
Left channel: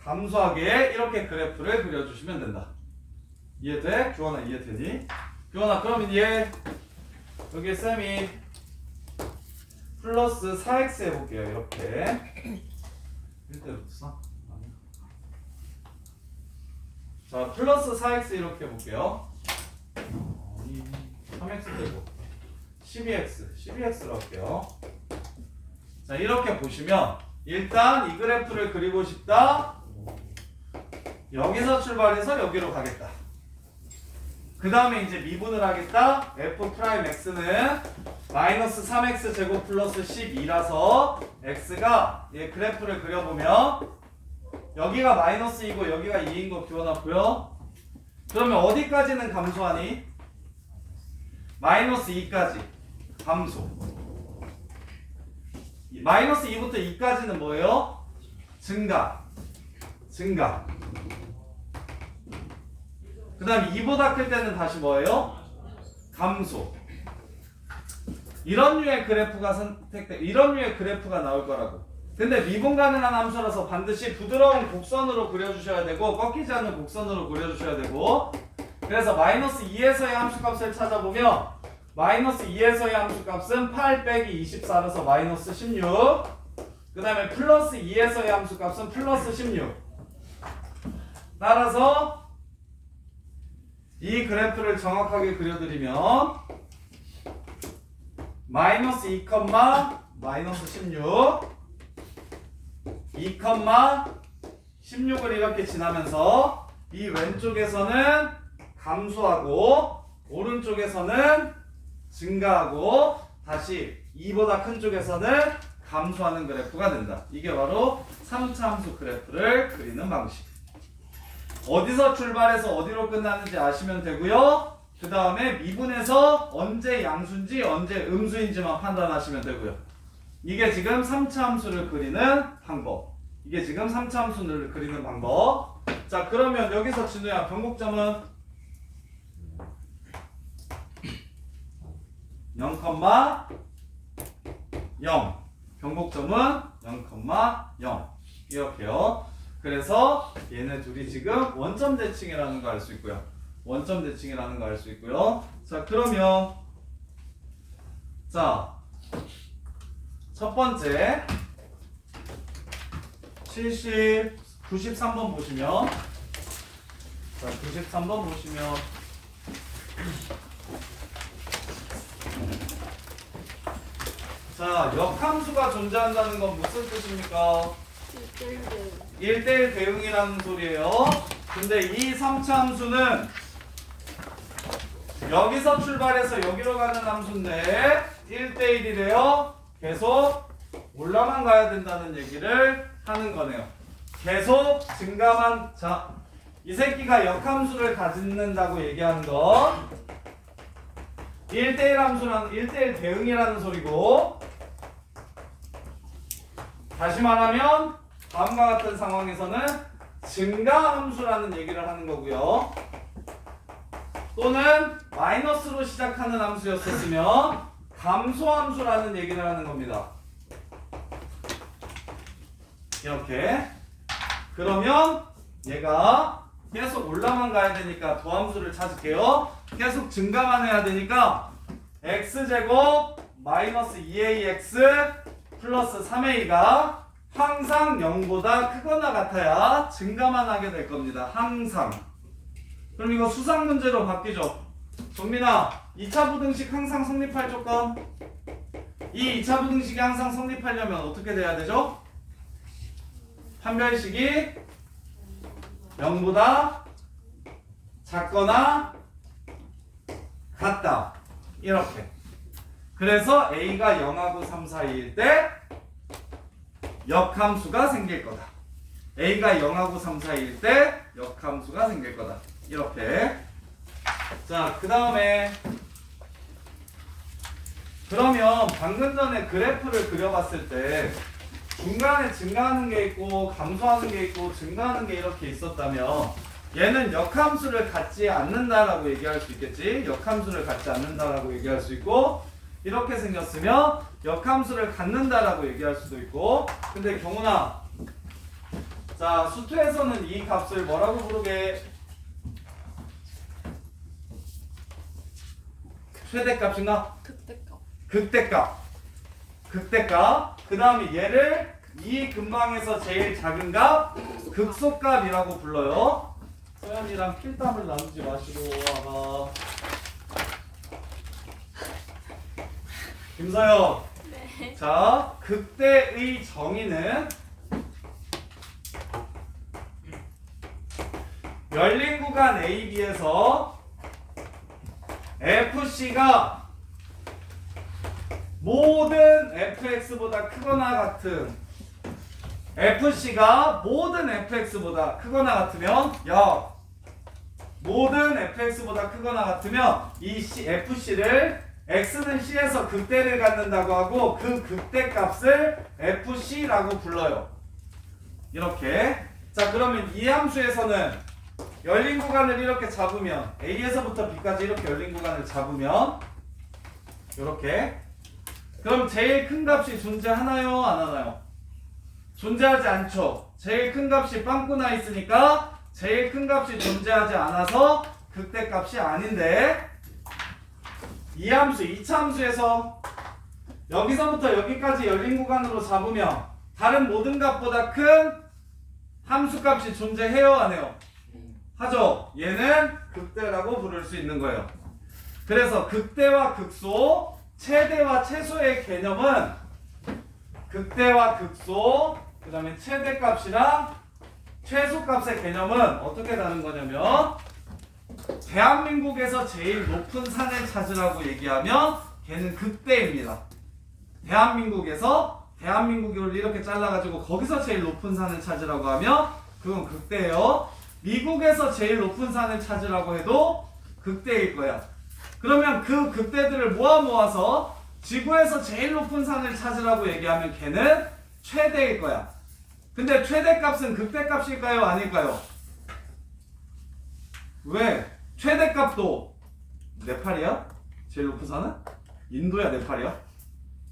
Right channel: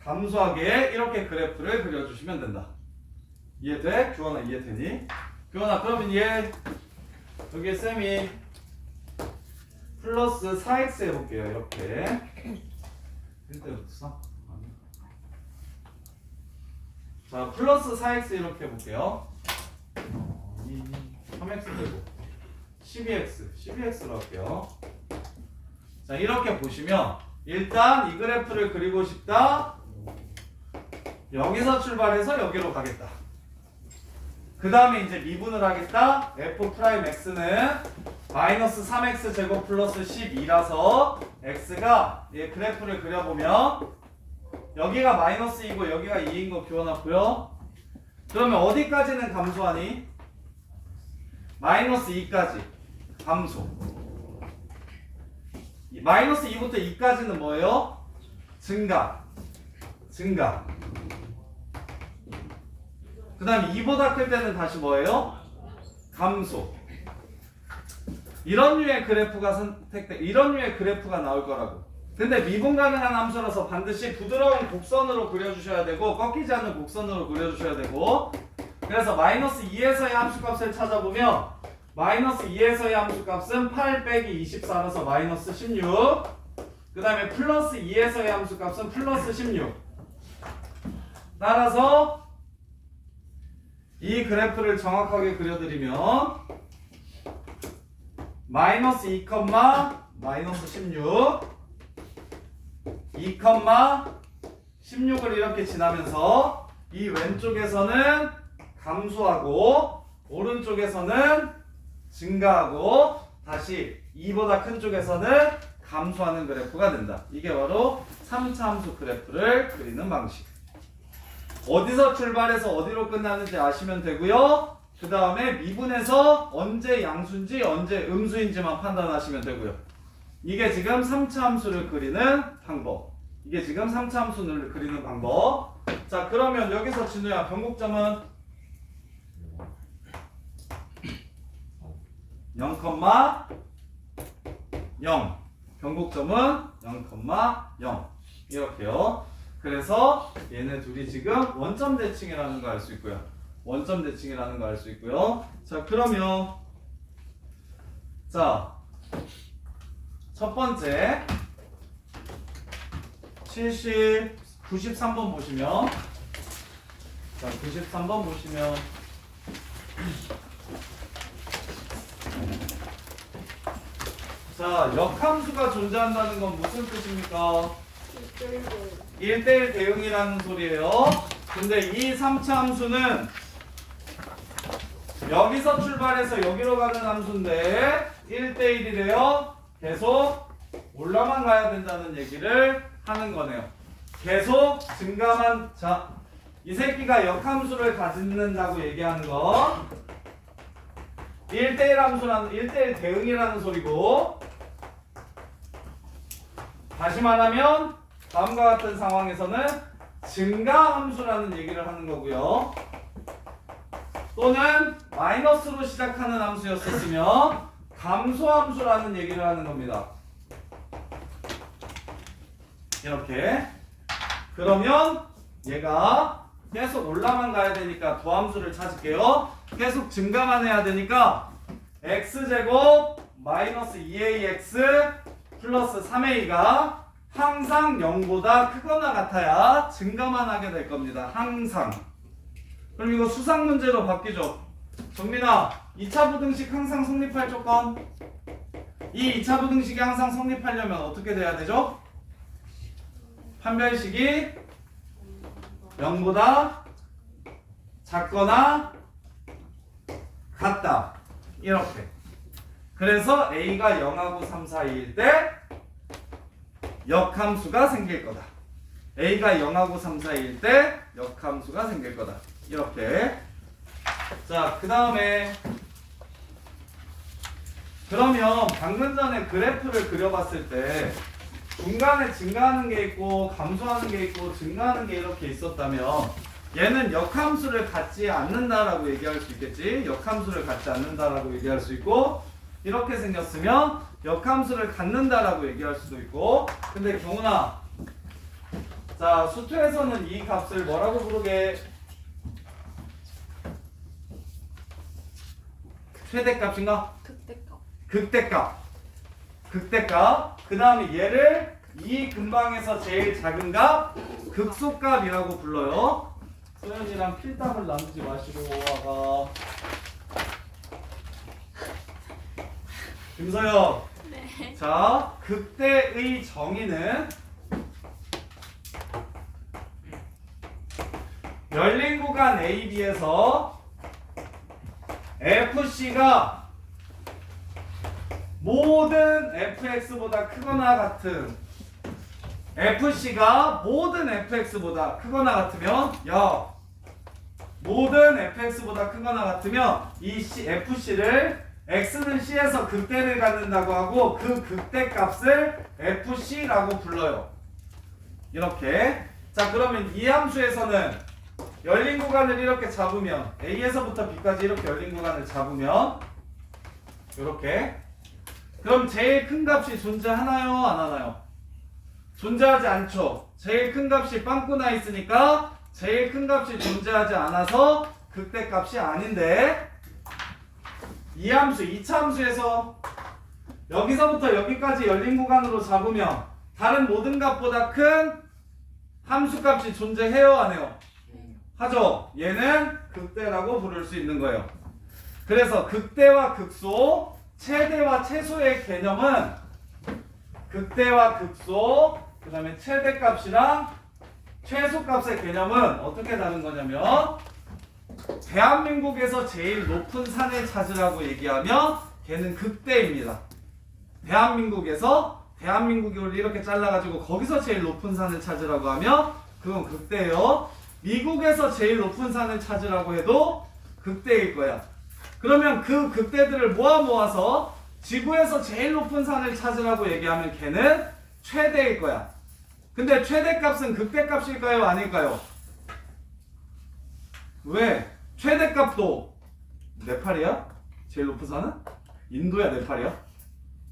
감소하게 이렇게 그래프를 그려주시면 된다. 이해돼? 규원아 이해되니? 규원아 그러면 얘 여기 쌤이 플러스 4x 해볼게요. 이렇게 1대부터 써? 자 플러스 4x 이렇게 해볼게요. 3x 되고 12x로 할게요. 자 이렇게 보시면 일단 이 그래프를 그리고 싶다. 여기서 출발해서 여기로 가겠다. 그 다음에 이제 미분을 하겠다. f'x는 마이너스 3x 제곱 플러스 12라서 x가 얘 그래프를 그려보면 여기가 마이너스 2고 여기가 2인 거 규원아 보여? 그러면 어디까지는 감소하니? 마이너스 2까지 감소. 마이너스 2부터 2까지는 뭐예요? 증가. 그 다음에 2보다 클 때는 다시 뭐예요? 감소. 이런 류의 그래프가 이런 류의 그래프가 나올 거라고. 근데 미분 가능한 함수라서 반드시 부드러운 곡선으로 그려주셔야 되고 꺾이지 않는 곡선으로 그려주셔야 되고 그래서 마이너스 2에서의 함수값을 찾아보면 마이너스 2에서의 함수값은 8 빼기 24라서 마이너스 16. 그 다음에 플러스 2에서의 함수값은 플러스 16. 따라서 이 그래프를 정확하게 그려드리면 마이너스 2, 마이너스 16 2,16을 이렇게 지나면서 이 왼쪽에서는 감소하고 오른쪽에서는 증가하고 다시 2보다 큰 쪽에서는 감소하는 그래프가 된다. 이게 바로 3차 함수 그래프를 그리는 방식. 어디서 출발해서 어디로 끝나는지 아시면 되고요. 그 다음에 미분에서 언제 양수인지 언제 음수인지만 판단하시면 되고요. 이게 지금 3차 함수를 그리는 방법. 자 그러면 여기서 진우야 변곡점은 0,0 변곡점은 0,0 이렇게요. 그래서 얘네 둘이 지금 원점 대칭이라는 거 알 수 있고요. 자 그러면 자 첫 번째 93번 보시면 자 93번 보시면 자 역함수가 존재한다는 건 무슨 뜻입니까? 1대1 대응이라는 소리예요. 근데 이 3차 함수는 여기서 출발해서 여기로 가는 함수인데 1대1이래요. 계속 올라만 가야 된다는 얘기를 하는 거네요. 계속 증가만. 자, 이 새끼가 역함수를 가진다고 얘기하는 건 1대1 함수라는 1대1 대응이라는 소리고, 다시 말하면 다음과 같은 상황에서는 증가 함수라는 얘기를 하는 거고요. 또는 마이너스로 시작하는 함수였었으면 감소 함수라는 얘기를 하는 겁니다. 이렇게. 그러면 얘가 계속 올라만 가야 되니까 도함수를 찾을게요. 계속 증가만 해야 되니까 x제곱 마이너스 2ax 플러스 3a가 항상 0보다 크거나 같아야 증가만 하게 될 겁니다. 항상. 그럼 이거 수상 문제로 바뀌죠. 정민아, 2차 부등식 항상 성립할 조건. 이 2차 부등식이 항상 성립하려면 어떻게 돼야 되죠? 판별식이 0보다 작거나 같다. 이렇게. 그래서 a가 0하고 3 사이일 때 역함수가 생길 거다. a가 0하고 3 사이일 때 역함수가 생길 거다. 이렇게. 자, 그 다음에 그러면 방금 전에 그래프를 그려봤을 때 중간에 증가하는 게 있고 감소하는 게 있고 증가하는 게 이렇게 있었다면 얘는 역함수를 갖지 않는다라고 얘기할 수 있겠지. 역함수를 갖지 않는다라고 얘기할 수 있고 이렇게 생겼으면 역함수를 갖는다라고 얘기할 수도 있고. 근데 경훈아, 자 수투에서는 이 값을 뭐라고 부르게? 최대값인가? 극대값. 극대값. 극대값. 그 다음에 얘를 이 근방에서 제일 작은 값 극소값이라고 불러요. 소연이랑 필담을 나누지 마시고 와가. 김서영. 네. 자, 극대의 정의는 열린 구간 AB에서 FC가 모든 fx보다 크거나 같은 FC가 모든 fx보다 크거나 같으면 모든 fx보다 크거나 같으면 이 FC를 x는 c에서 극대를 갖는다고 하고 그 극대값을 FC라고 불러요. 이렇게. 자, 그러면 이 함수에서는 열린 구간을 이렇게 잡으면 A에서부터 B까지 이렇게 열린 구간을 잡으면 이렇게. 그럼 제일 큰 값이 존재하나요? 안 하나요? 존재하지 않죠. 제일 큰 값이 빵꾸 나 있으니까 제일 큰 값이 존재하지 않아서 극대값이 아닌데 이 함수, 2차 함수에서 여기서부터 여기까지 열린 구간으로 잡으면 다른 모든 값보다 큰 함수값이 존재해요? 안 해요? 하죠. 얘는 극대라고 부를 수 있는 거예요. 그래서 극대와 극소, 최대와 최소의 개념은 극대와 극소, 그 다음에 최대값이랑 최소값의 개념은 어떻게 다른 거냐면 대한민국에서 제일 높은 산을 찾으라고 얘기하면 걔는 극대입니다. 대한민국을 이렇게 잘라가지고 거기서 제일 높은 산을 찾으라고 하면 그건 극대예요. 미국에서 제일 높은 산을 찾으라고 해도 극대일 거야. 그러면 그 극대들을 모아서 지구에서 제일 높은 산을 찾으라고 얘기하면 걔는 최대일 거야. 근데 최대값은 극대값일까요? 아닐까요? 왜? 최대값도 네팔이야? 제일 높은 산은? 인도야, 네팔이야?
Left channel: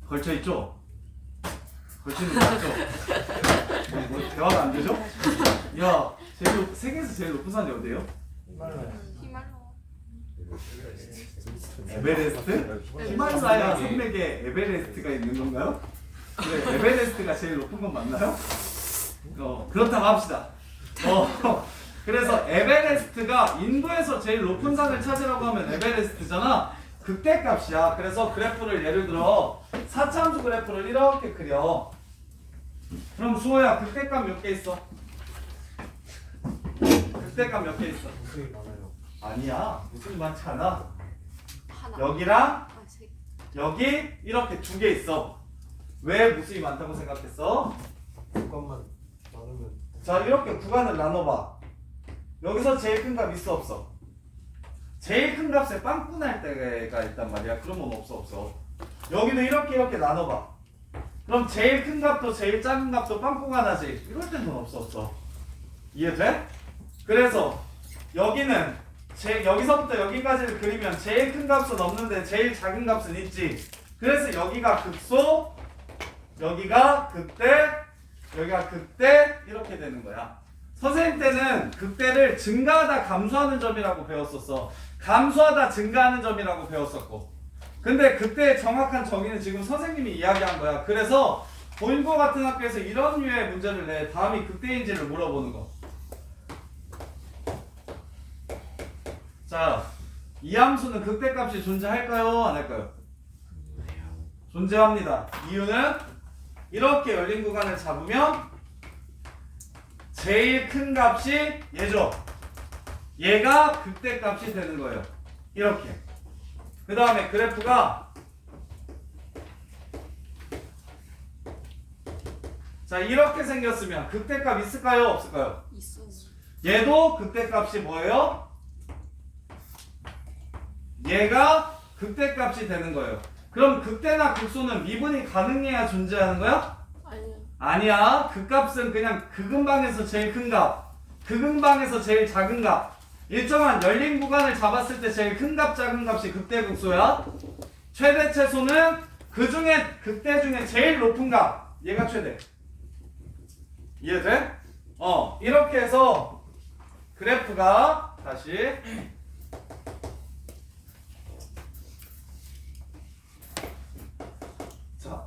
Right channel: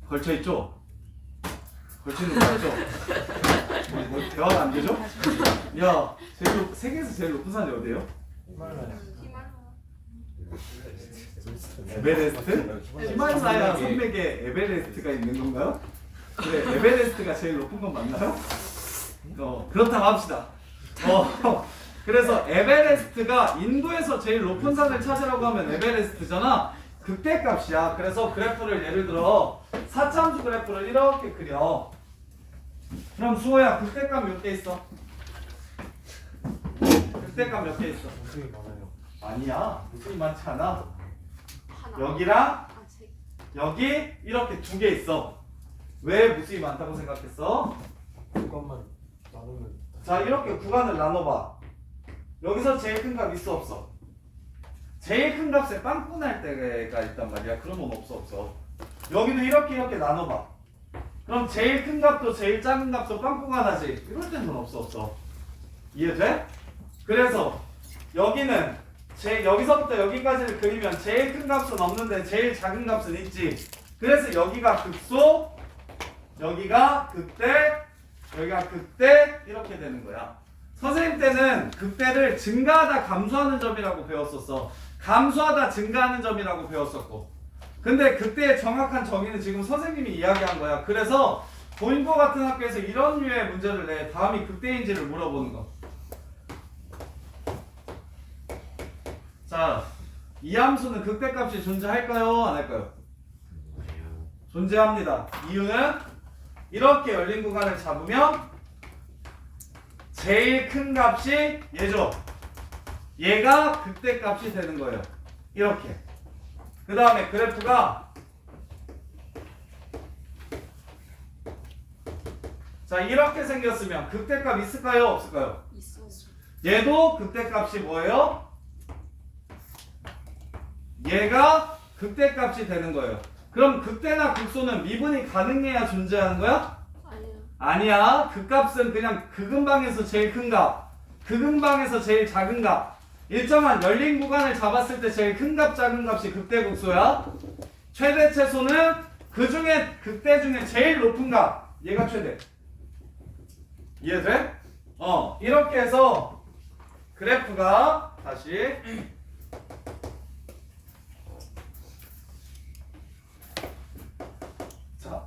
걸쳐있죠? 걸쳐있는 거 맞죠? 뭐 대화가 안 되죠? 야, 세계에서 제일 높은 산이 어디예요? 히말라야. 에베레스트? 히말라야 산맥에 에베레스트가 있는 건가요? 그래, 에베레스트가 제일 높은 건 맞나요? 그렇다고 합시다. 그래서 에베레스트가 인도에서 제일 높은 산을 찾으라고 하면 에베레스트잖아. 극대값이야. 그래서 그래프를 예를 들어 4차함수 그래프를 이렇게 그려. 그럼 수호야, 극대값 몇 개 있어? 극대값 몇 개 있어? 굉장히 많아요. 아니야, 무슨 많지 않아. 하나. 여기랑 아, 세. 여기 이렇게 두 개 있어. 왜 무수히 많다고 생각했어? 그것만 나누면 자, 이렇게 구간을 나눠봐. 여기서 제일 큰 값 있어 없어? 제일 큰 값에 빵꾸 날 때가 있단 말이야. 그러면 없어. 여기도 이렇게 나눠봐. 그럼 제일 큰 값도 제일 작은 값도 빵꾸가 나지. 이럴 때는 없어. 이해돼? 그래서 여기는 여기서부터 여기까지를 그리면 제일 큰 값은 없는데 제일 작은 값은 있지. 그래서 여기가 극소, 여기가 극대, 여기가 극대 이렇게 되는 거야. 선생님 때는 극대를 증가하다 감소하는 점이라고 배웠었어. 감소하다 증가하는 점이라고 배웠었고. 근데 그때의 정확한 정의는 지금 선생님이 이야기한 거야. 그래서 보인고 같은 학교에서 이런 류의 문제를 내. 다음이 극대인지를 물어보는 거. 자, 이 함수는 극대값이 존재할까요? 안 할까요? 존재합니다. 이유는 이렇게 열린 구간을 잡으면 제일 큰 값이 얘죠. 얘가 극대값이 되는 거예요. 이렇게. 그 다음에 그래프가 자, 이렇게 생겼으면 극대값 있을까요? 없을까요? 있어. 얘도 극대값이 뭐예요? 얘가 극대값이 되는 거예요. 그럼 극대나 극소는 미분이 가능해야 존재하는 거야? 아니야. 아니야. 극값은 그냥 극음방에서 제일 큰 값, 극음방에서 제일 작은 값, 일정한 열린 구간을 잡았을 때 제일 큰 값, 작은 값이 극대 극소야. 최대 최소는 그 중에 극대 중에 제일 높은 값, 얘가 최대. 이해돼? 이렇게 해서 그래프가 다시 자,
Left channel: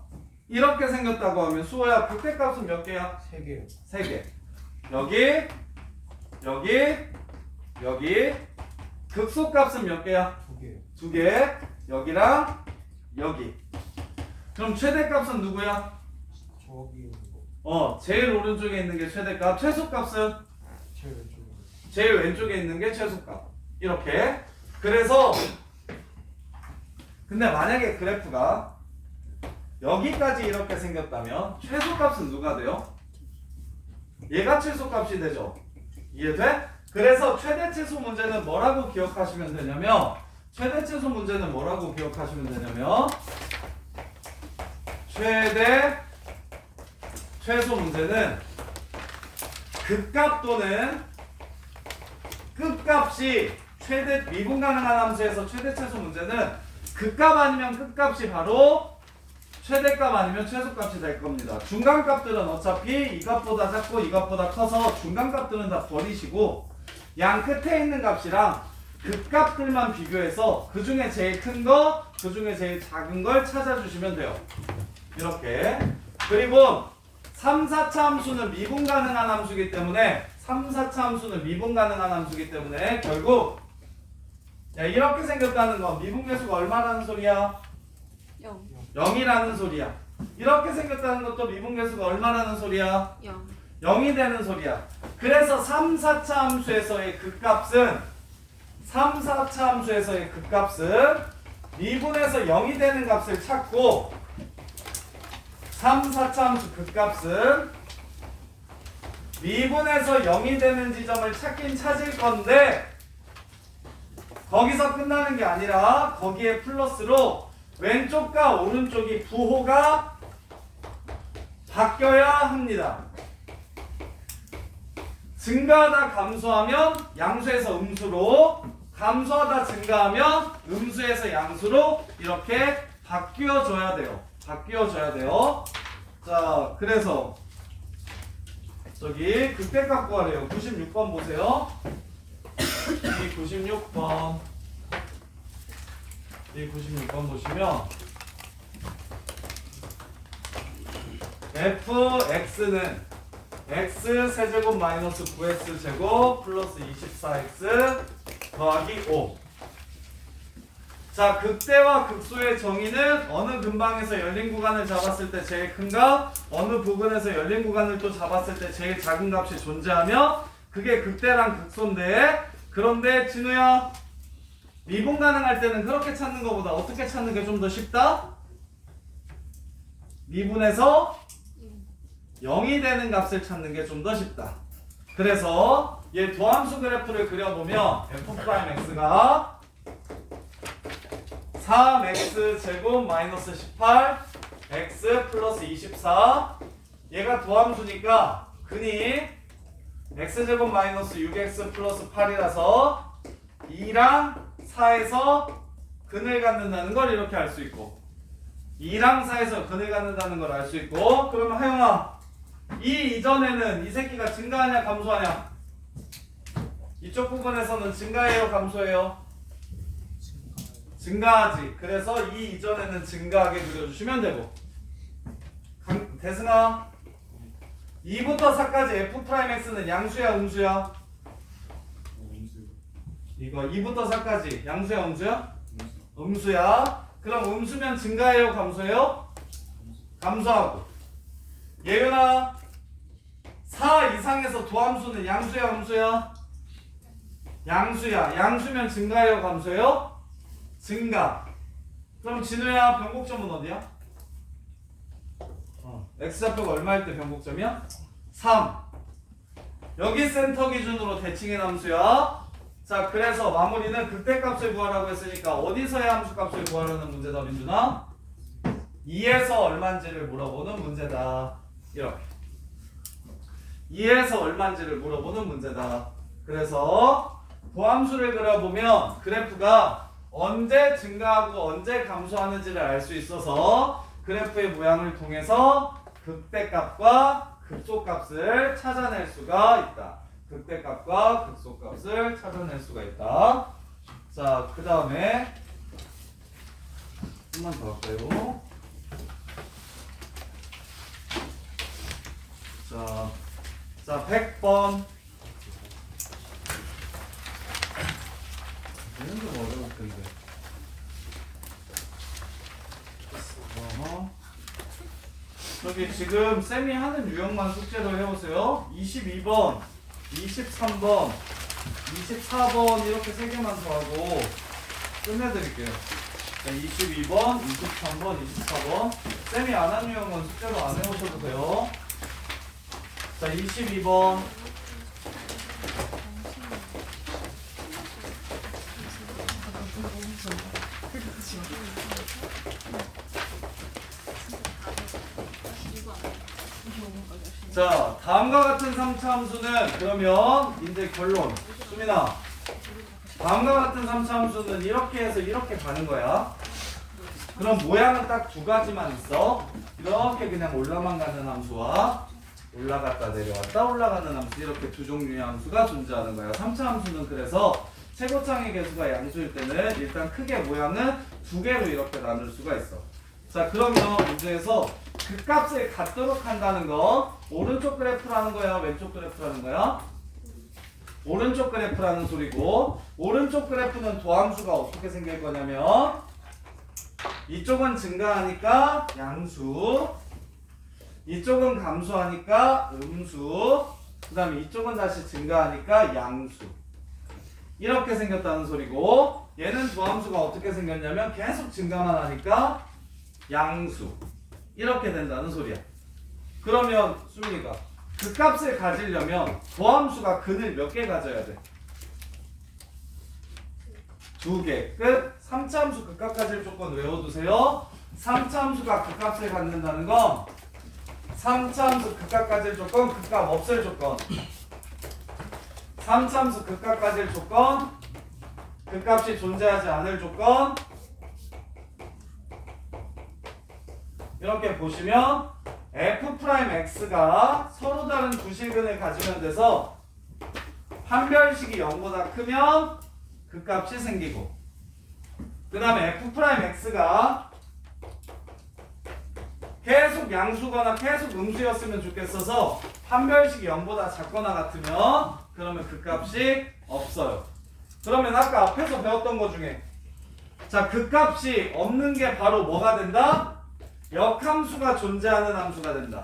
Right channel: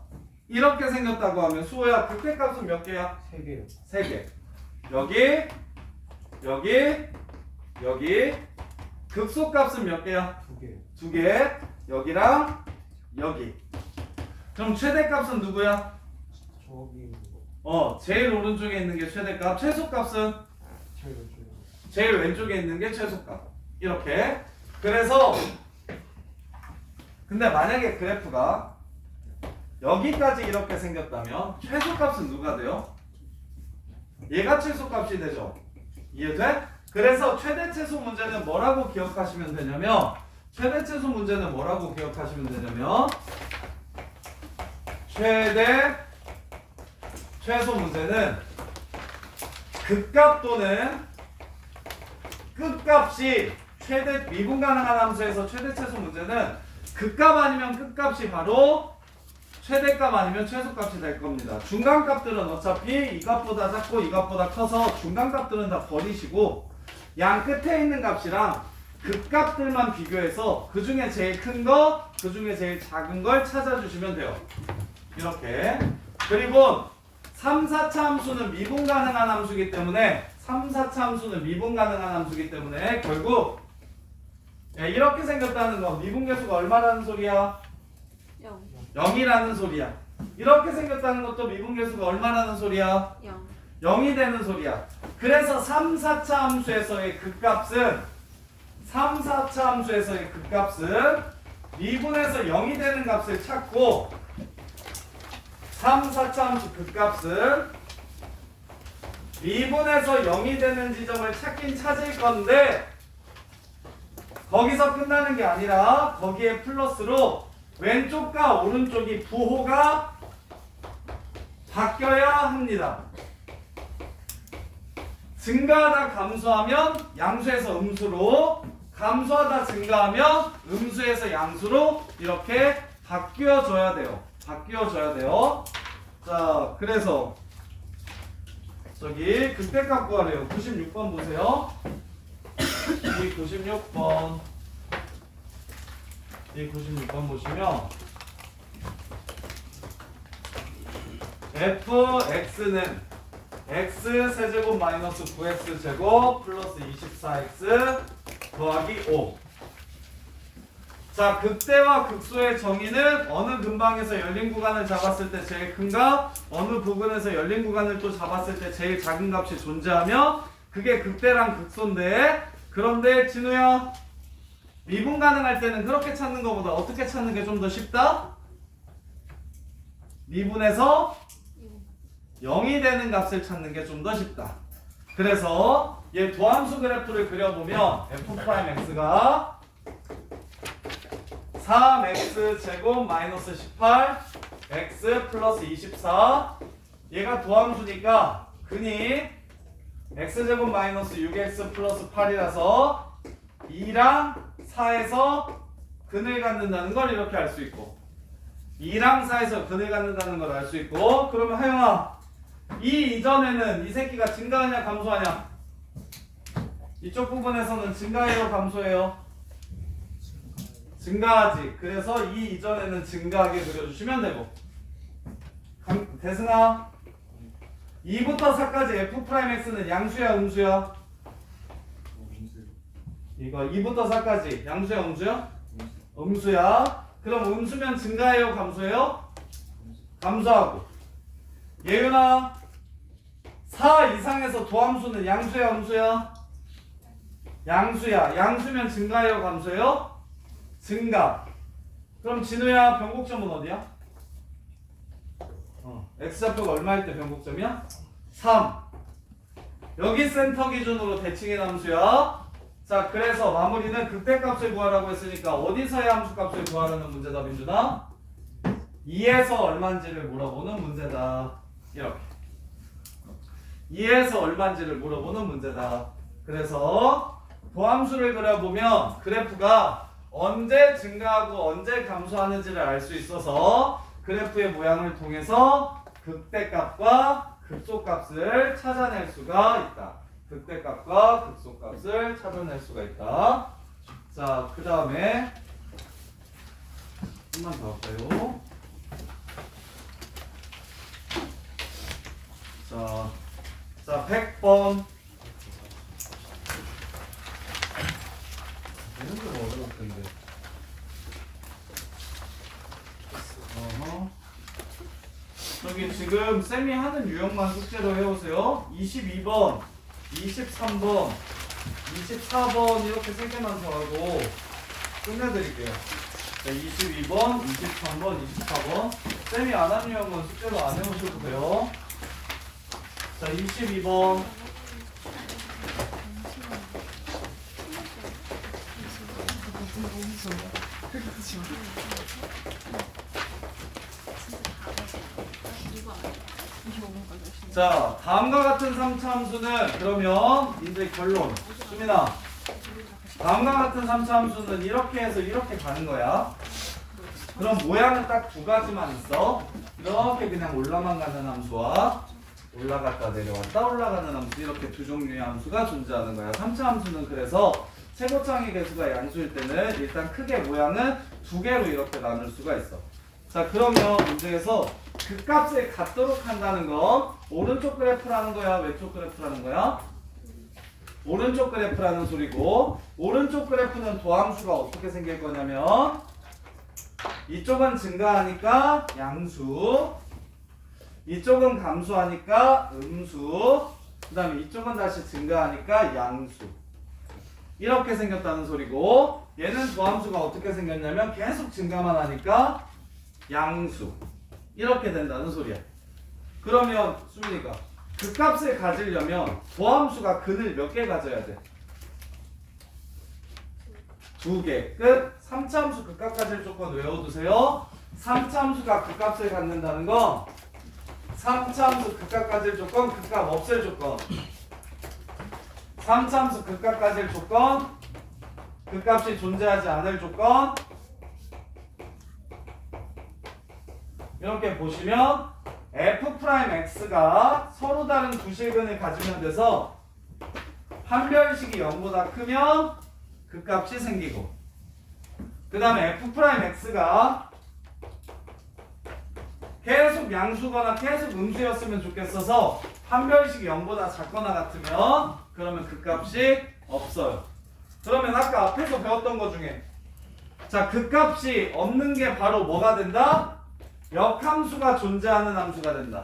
이렇게 생겼다고 하면 수호야 극대값은 몇 개야? 3개요. 3개. 여기, 여기, 여기. 극소값은 몇 개야? 2개요. 2개. 여기랑 여기. 그럼 최대값은 누구야? 저기 있는 거. 제일 오른쪽에 있는 게 최대값. 최소값은 제일 왼쪽에. 제일 왼쪽에 있는 게 최소값. 이렇게. 그래서 근데 만약에 그래프가 여기까지 이렇게 생겼다면 최소값은 누가 돼요? 얘가 최소값이 되죠. 이해돼? 그래서 최대 최소 문제는 뭐라고 기억하시면 되냐면 최대 최소 문제는 뭐라고 기억하시면 되냐면 최대 최소 문제는 극값 또는 끝값이 최대 미분 가능한 함수에서 최대 최소 문제는 극값 아니면 끝값이 바로 최대값 아니면 최소값이 될 겁니다. 중간값들은 어차피 이 값보다 작고 이 값보다 커서 중간값들은 다 버리시고 양 끝에 있는 값이랑 극값들만 비교해서 그 중에 제일 큰 거, 그 중에 제일 작은 걸 찾아주시면 돼요. 이렇게. 그리고 3, 4차 함수는 미분 가능한 함수이기 때문에 3, 4차 함수는 미분 가능한 함수이기 때문에 결국 이렇게 생겼다는 건 미분계수가 얼마라는 소리야? 0. 0이라는 소리야. 이렇게 생겼다는 것도 미분계수가 얼마라는 소리야? 0. 0이 되는 소리야. 그래서 3, 4차 함수에서의 극값은 3, 4차 함수에서의 극값은 미분에서 0이 되는 값을 찾고 3, 4차 함수 극값은 미분에서 0이 되는 지점을 찾긴 찾을 건데 거기서 끝나는 게 아니라 거기에 플러스로 왼쪽과 오른쪽이 부호가 바뀌어야 합니다. 증가하다 감소하면 양수에서 음수로, 감소하다 증가하면 음수에서 양수로 이렇게 바뀌어져야 돼요. 바뀌어져야 돼요. 자, 그래서 저기 극대값 구하래요. 96번 보세요. 이 96번. 이 96번 보시면 fx는 x 세제곱 마이너스 9x 제곱 플러스 24x 더하기 5. 자, 극대와 극소의 정의는 어느 근방에서 열린 구간을 잡았을 때 제일 큰 값, 어느 부분에서 열린 구간을 또 잡았을 때 제일 작은 값이 존재하며 그게 극대랑 극소인데, 그런데 진우야, 미분 가능할 때는 그렇게 찾는 것보다 어떻게 찾는 게 좀 더 쉽다? 미분에서 0이 되는 값을 찾는 게 좀 더 쉽다. 그래서 얘 도함수 그래프를 그려보면 f'x가 3x 제곱 마이너스 18 x 플러스 24 얘가 도함수니까 근이 x제곱 마이너스 6x 플러스 8이라서 2랑 4에서 근을 갖는다는 걸 이렇게 알 수 있고 2랑 4에서 근을 갖는다는 걸 알 수 있고, 그러면 하영아 이 이전에는 이 새끼가 증가하냐 감소하냐? 이쪽 부분에서는 증가해요 감소해요? 증가하지. 그래서 이 이전에는 증가하게 그려주시면 되고, 대승아 2부터 4까지 f'x는 양수야 음수야? 이거 2부터 4까지 양수야 음수야? 음수야. 그럼 음수면 증가해요 감소해요? 감소하고. 예윤아 4 이상에서 도함수는 양수야 음수야? 양수야. 양수면 증가해요 감소해요? 증가. 그럼 진우야 변곡점은 어디야? x좌표가 얼마일 때 변곡점이야? 3. 여기 센터 기준으로 대칭의 함수야. 자, 그래서 마무리는 극대값을 구하라고 했으니까 어디서의 함수값을 구하라는 문제다, 민준아? 2에서 얼마인지를 물어보는 문제다. 이렇게 2에서 얼마인지를 물어보는 문제다. 그래서 도함수를 그려보면 그래프가 언제 증가하고 언제 감소하는지를 알 수 있어서 그래프의 모양을 통해서 극대값과 극소값을 찾아낼 수가 있다. 극대값과 극소값을 찾아낼 수가 있다. 자, 그 다음에 한번 더 할까요? 자, 100번. 이건 좀 어려울 텐데. 저기 지금 쌤이 하는 유형만 숙제로 해오세요. 22번, 23번, 24번 이렇게 3개만 더 하고 끝내드릴게요. 자, 22번, 23번, 24번. 쌤이 안 하는 유형은 숙제로 안 해오셔도 돼요. 자, 22번. 자, 다음과 같은 3차 함수는 그러면 이제 결론. 수민아, 다음과 같은 3차 함수는 이렇게 해서 이렇게 가는 거야. 그럼 모양은 딱 두 가지만 있어. 이렇게 그냥 올라만 가는 함수와 올라갔다 내려왔다 올라가는 함수, 이렇게 두 종류의 함수가 존재하는 거야. 3차 함수는 그래서 최고창의 개수가 양수일 때는 일단 크게 모양은 두 개로 이렇게 나눌 수가 있어. 자, 그러면 문제에서 그 값을 갖도록 한다는 건 오른쪽 그래프라는 거야, 왼쪽 그래프라는 거야? 오른쪽 그래프라는 소리고, 오른쪽 그래프는 도함수가 어떻게 생길 거냐면 이쪽은 증가하니까 양수, 이쪽은 감소하니까 음수, 그 다음에 이쪽은 다시 증가하니까 양수. 이렇게 생겼다는 소리고, 얘는 도함수가 어떻게 생겼냐면 계속 증가만 하니까 양수. 이렇게 된다는 소리야. 그러면 수민이가 그 값을 가지려면 도함수가 근을 몇 개 가져야 돼? 2개. 끝. 3차 함수 극값 가질 조건 외워두세요. 3차 함수가 극값을 갖는다는 건 3차 함수 극값 가질 조건, 극값 없앨 조건. 3차 함수 극값 가질 조건, 극값이 존재하지 않을 조건. 이렇게 보시면 f'x가 서로 다른 두 실근을 가지면 돼서 한 별식이 0보다 크면 그 값이 생기고, 그 다음에 f'x가 계속 양수거나 계속 음수였으면 좋겠어서 한 별식이 0보다 작거나 같으면 그러면 그 값이 없어요. 그러면 아까 앞에서 배웠던 것 중에 자, 그 값이 없는 게 바로 뭐가 된다? 역함수가 존재하는 함수가 된다.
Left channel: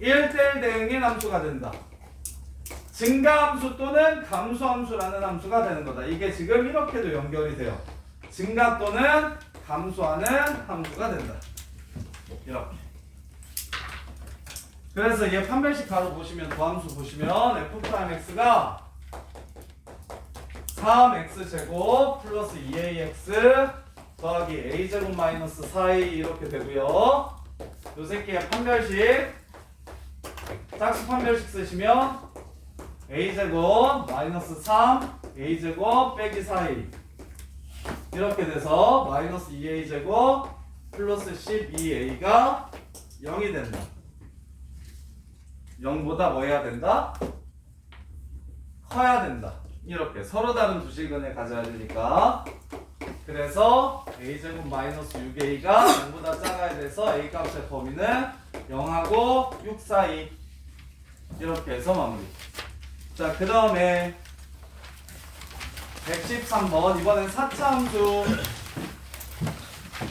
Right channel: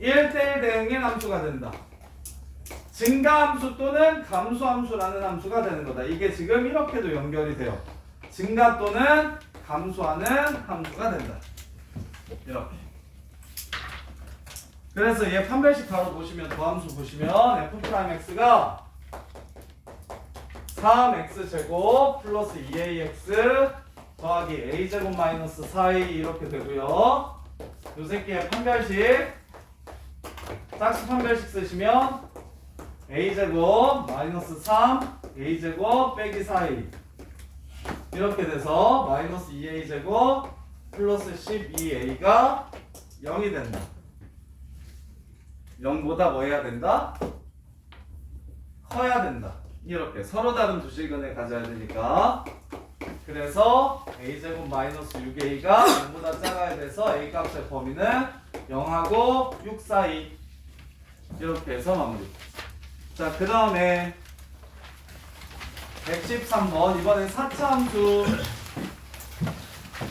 1대1 대응인 함수가 된다. 증가함수 또는 감소함수라는 함수가 되는 거다. 이게 지금 이렇게도 연결이 돼요. 증가 또는 감소하는 함수가 된다. 이렇게. 그래서 얘 판별식 바로 보시면, 도함수 보시면 f'x가 3x제곱 플러스 2ax 더하기 a제곱 마이너스 4a 이렇게 되고요. 요 새끼의 판별식, 짝수 판별식 쓰시면 a제곱 마이너스 3 a제곱 빼기 4a 이렇게 돼서 마이너스 2a제곱 플러스 12a가 0이 된다. 0보다 뭐 해야 된다? 커야 된다. 이렇게 서로 다른 두 실근을 가져야 되니까. 그래서 a제곱 마이너스 6a가 0보다 작아야 돼서 a 값의 범위는 0하고 6 사이. 이렇게 해서 마무리. 자, 그 다음에 113번. 이번엔 4차 함수.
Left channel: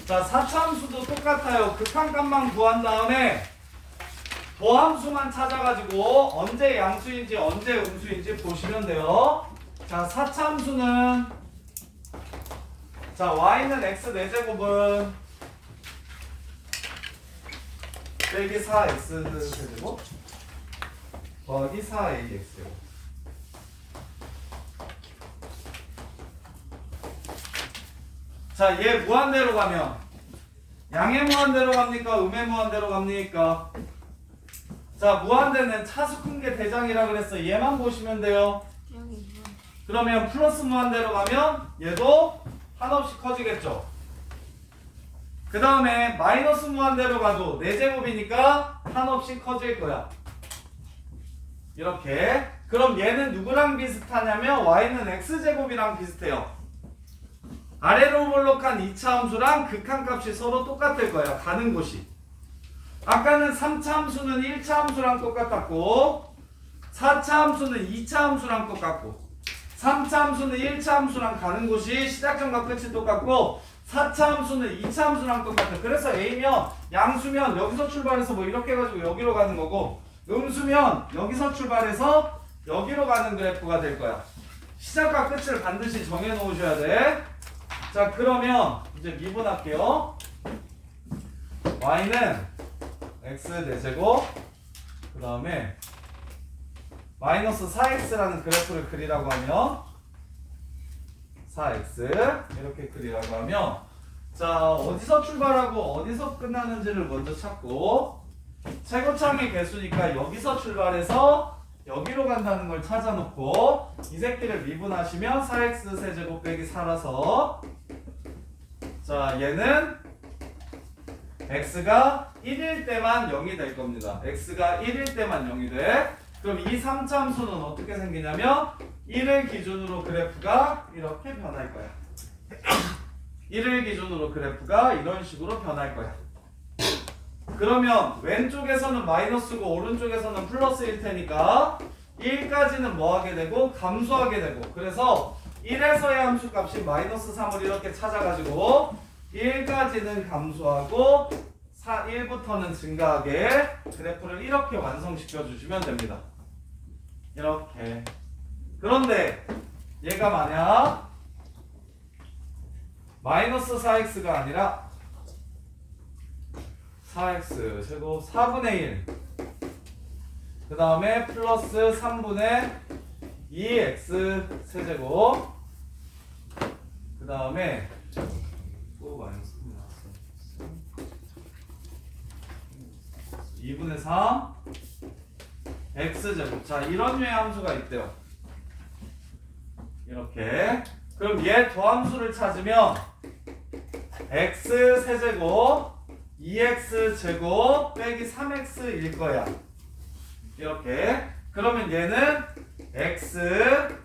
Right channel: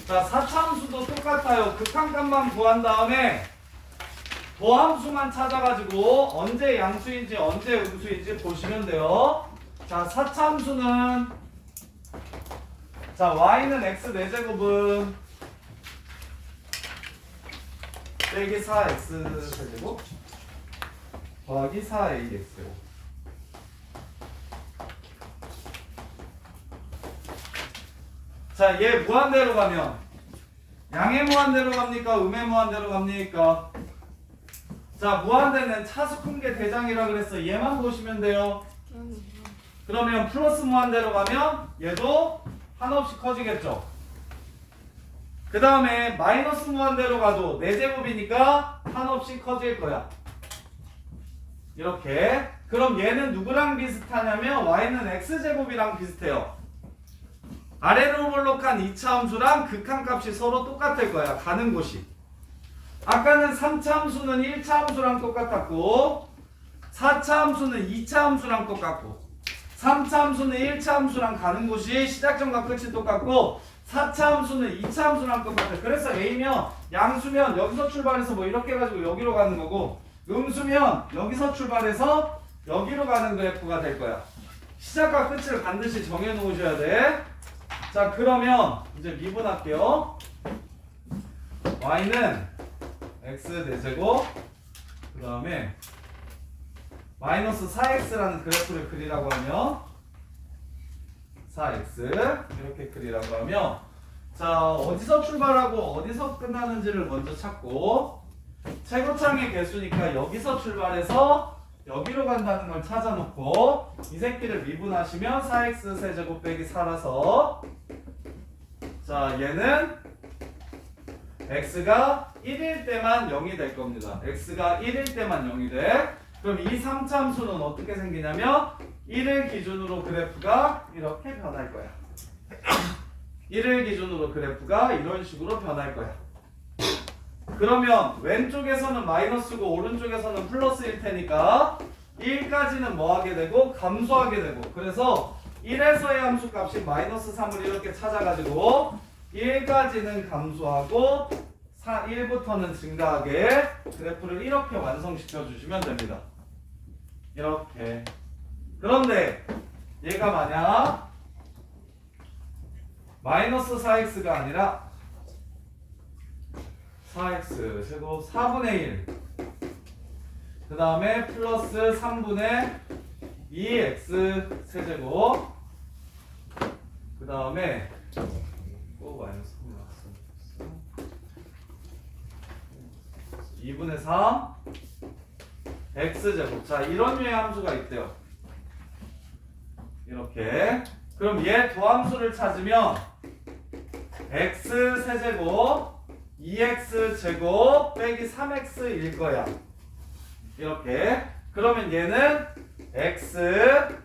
자, 4차 함수도 똑같아요. 극한값만 구한 다음에 도함수만 찾아가지고 언제 양수인지 언제 음수인지 보시면 돼요. 자, 4차 함수는 자, y는 x 4제곱은 빼기 4x 세제곱 더하기 4ax. 자, 얘 무한대로 가면 양의 무한대로 갑니까? 음의 무한대로 갑니까? 자, 무한대는 차수 큰 게 대장이라 그랬어. 얘만 보시면 돼요. 그러면 플러스 무한대로 가면 얘도 한없이 커지겠죠. 그 다음에 마이너스 무한대로 가도 4제곱이니까 한없이 커질 거야. 이렇게. 그럼 얘는 누구랑 비슷하냐면 y는 x제곱이랑 비슷해요. 아래로 볼록한 2차 함수랑 극한값이 서로 똑같을 거야. 가는 곳이. 아까는 3차 함수는 1차 함수랑 똑같았고 4차 함수는 2차 함수랑 똑같고 3차 함수는 1차 함수랑 가는 곳이 시작점과 끝이 똑같고 4차 함수는 2차 함수랑 똑같아. 그래서 A면 양수면 여기서 출발해서 뭐 이렇게 해가지고 여기로 가는 거고 음수면 여기서 출발해서 여기로 가는 그래프가 될 거야. 시작과 끝을 반드시 정해 놓으셔야 돼. 자, 그러면 이제 미분할게요. y는 x 4제곱 그 다음에 마이너스 4x라는 그래프를 그리라고 하면 4x 이렇게 그리라고 하면 자, 어디서 출발하고 어디서 끝나는지를 먼저 찾고 최고창의 개수니까 여기서 출발해서 여기로 간다는 걸 찾아놓고 이 새끼를 미분하시면 4x 세제곱 빼기 4라서 자, 얘는 x가 1일 때만 0이 될 겁니다. x가 1일 때만 0이 돼. 그럼 이 3차 함수는 어떻게 생기냐면 1일 기준으로 그래프가 이렇게 변할 거야. 1일 기준으로 그래프가 이런 식으로 변할 거야. 그러면 왼쪽에서는 마이너스고 오른쪽에서는 플러스일 테니까 1까지는 뭐 하게 되고 감소하게 되고 그래서 1에서의 함수 값이 마이너스 3을 이렇게 찾아가지고 1까지는 감소하고 1부터는 증가하게 그래프를 이렇게 완성시켜 주시면 됩니다. 이렇게. 그런데 얘가 만약 마이너스 4x가 아니라 4x 제곱 4분의 1 그 다음에 플러스 3분의 2x 세제곱 그 다음에 또 마이너스 3이 나왔어 2분의 3 x제곱. 자, 이런 류의 함수가 있대요. 이렇게. 그럼 얘 도함수를 찾으면 x 세제곱 2x 제곱 빼기 3x일 거야. 이렇게. 그러면 얘는 x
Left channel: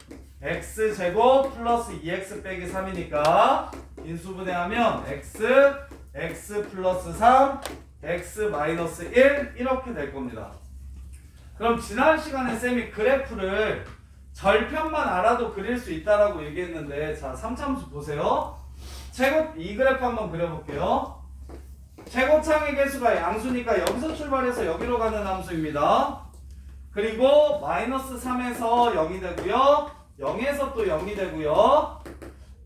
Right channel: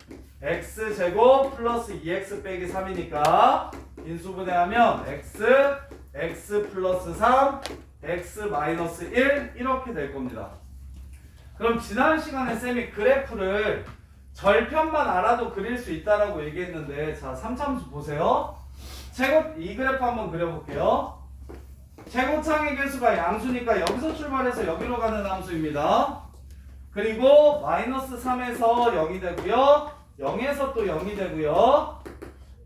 제곱 플러스 2x 빼기 3이니까 인수분해하면 x 플러스 3 x 마이너스 1 이렇게 될 겁니다. 그럼 지난 시간에 쌤이 그래프를 절편만 알아도 그릴 수 있다라고 얘기했는데 자, 3참수 보세요. 이 그래프 한번 그려볼게요. 최고창의 개수가 양수니까 여기서 출발해서 여기로 가는 함수입니다. 그리고 마이너스 3에서 0이 되고요. 0에서 또 0이 되고요.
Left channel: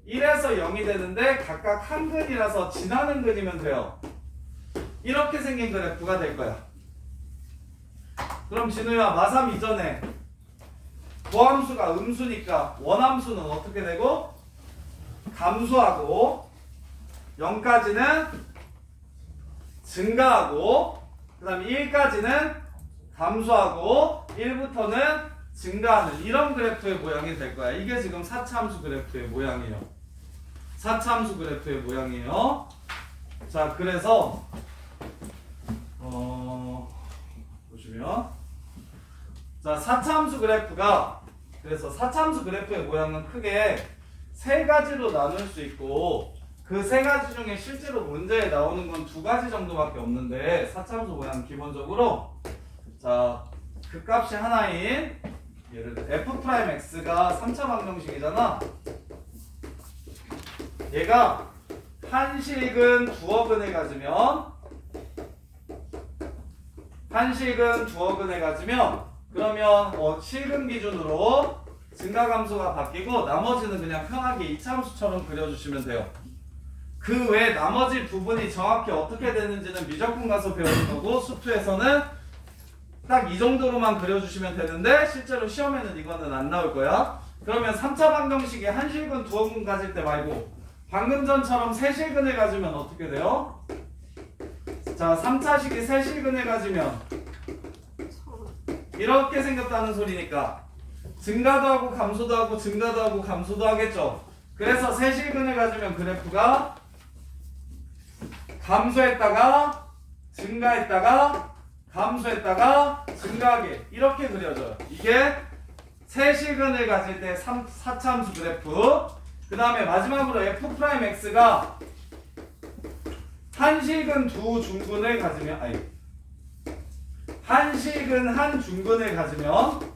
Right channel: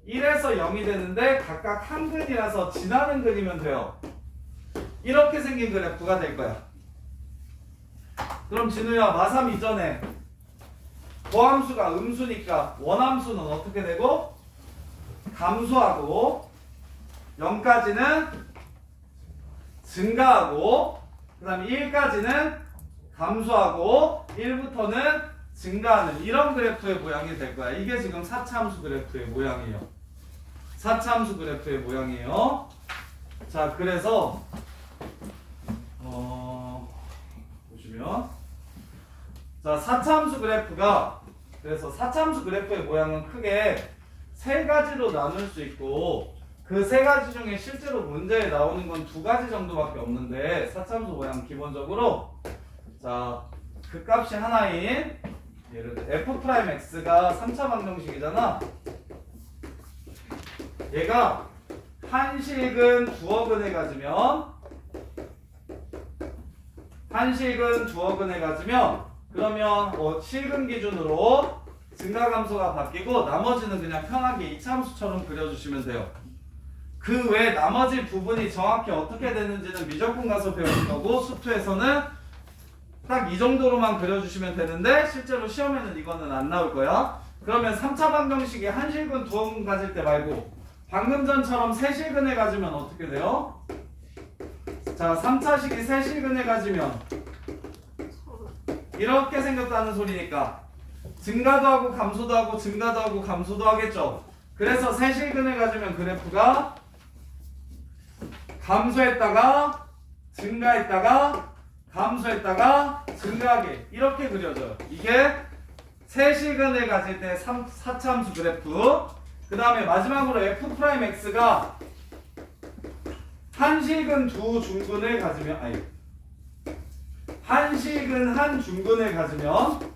1에서 0이 되는데 각각 한 근이라서 지나는 근이면 돼요. 이렇게 생긴 그래프가 될 거야. 그럼 진우야 마삼 이전에 도함수가 음수니까 원함수는 어떻게 되고? 감소하고 0까지는 증가하고 그 다음에 1까지는 감소하고 1부터는 증가하는 이런 그래프의 모양이 될 거야. 이게 지금 4차함수 그래프의 모양이에요. 4차함수 그래프의 모양이에요. 자, 그래서 보시면 자, 4차함수 그래프가 그래서 4차함수 그래프의 모양은 크게 세 가지로 나눌 수 있고 그 세 가지 중에 실제로 문제에 나오는 건 두 가지 정도밖에 없는데 4차함수 모양 기본적으로 자, 그 값이 하나인 예를 들어 f'x가 3차 방정식이잖아. 얘가 한식은 두어 근을 가지면 그러면 실근 기준으로 증가 감소가 바뀌고 나머지는 그냥 편하게 2차 함수처럼 그려주시면 돼요. 그 외 나머지 부분이 정확히 어떻게 되는지는 미적분 가서 배우는 거고 수투에서는 딱 이 정도로만 그려주시면 되는데 실제로 시험에는 이거는 안 나올 거야. 그러면 3차 방정식이 한실근 두어근 가질 때 말고 방금 전처럼 세실근을 가지면 어떻게 돼요? 자, 3차식이 세실근을 가지면 이렇게 생겼다는 소리니까 증가도 하고 감소도 하고 증가도 하고 감소도 하겠죠. 그래서 세실근을 가지면 그래프가 감소했다가 증가했다가 감소했다가 증가하게 이렇게 그려져요. 이게 세실근을 가질 때 4차 함수 그래프. 그 다음에 마지막으로 f'x가 한실근 두 중근을 가지면 한실근 한 중근을 가지면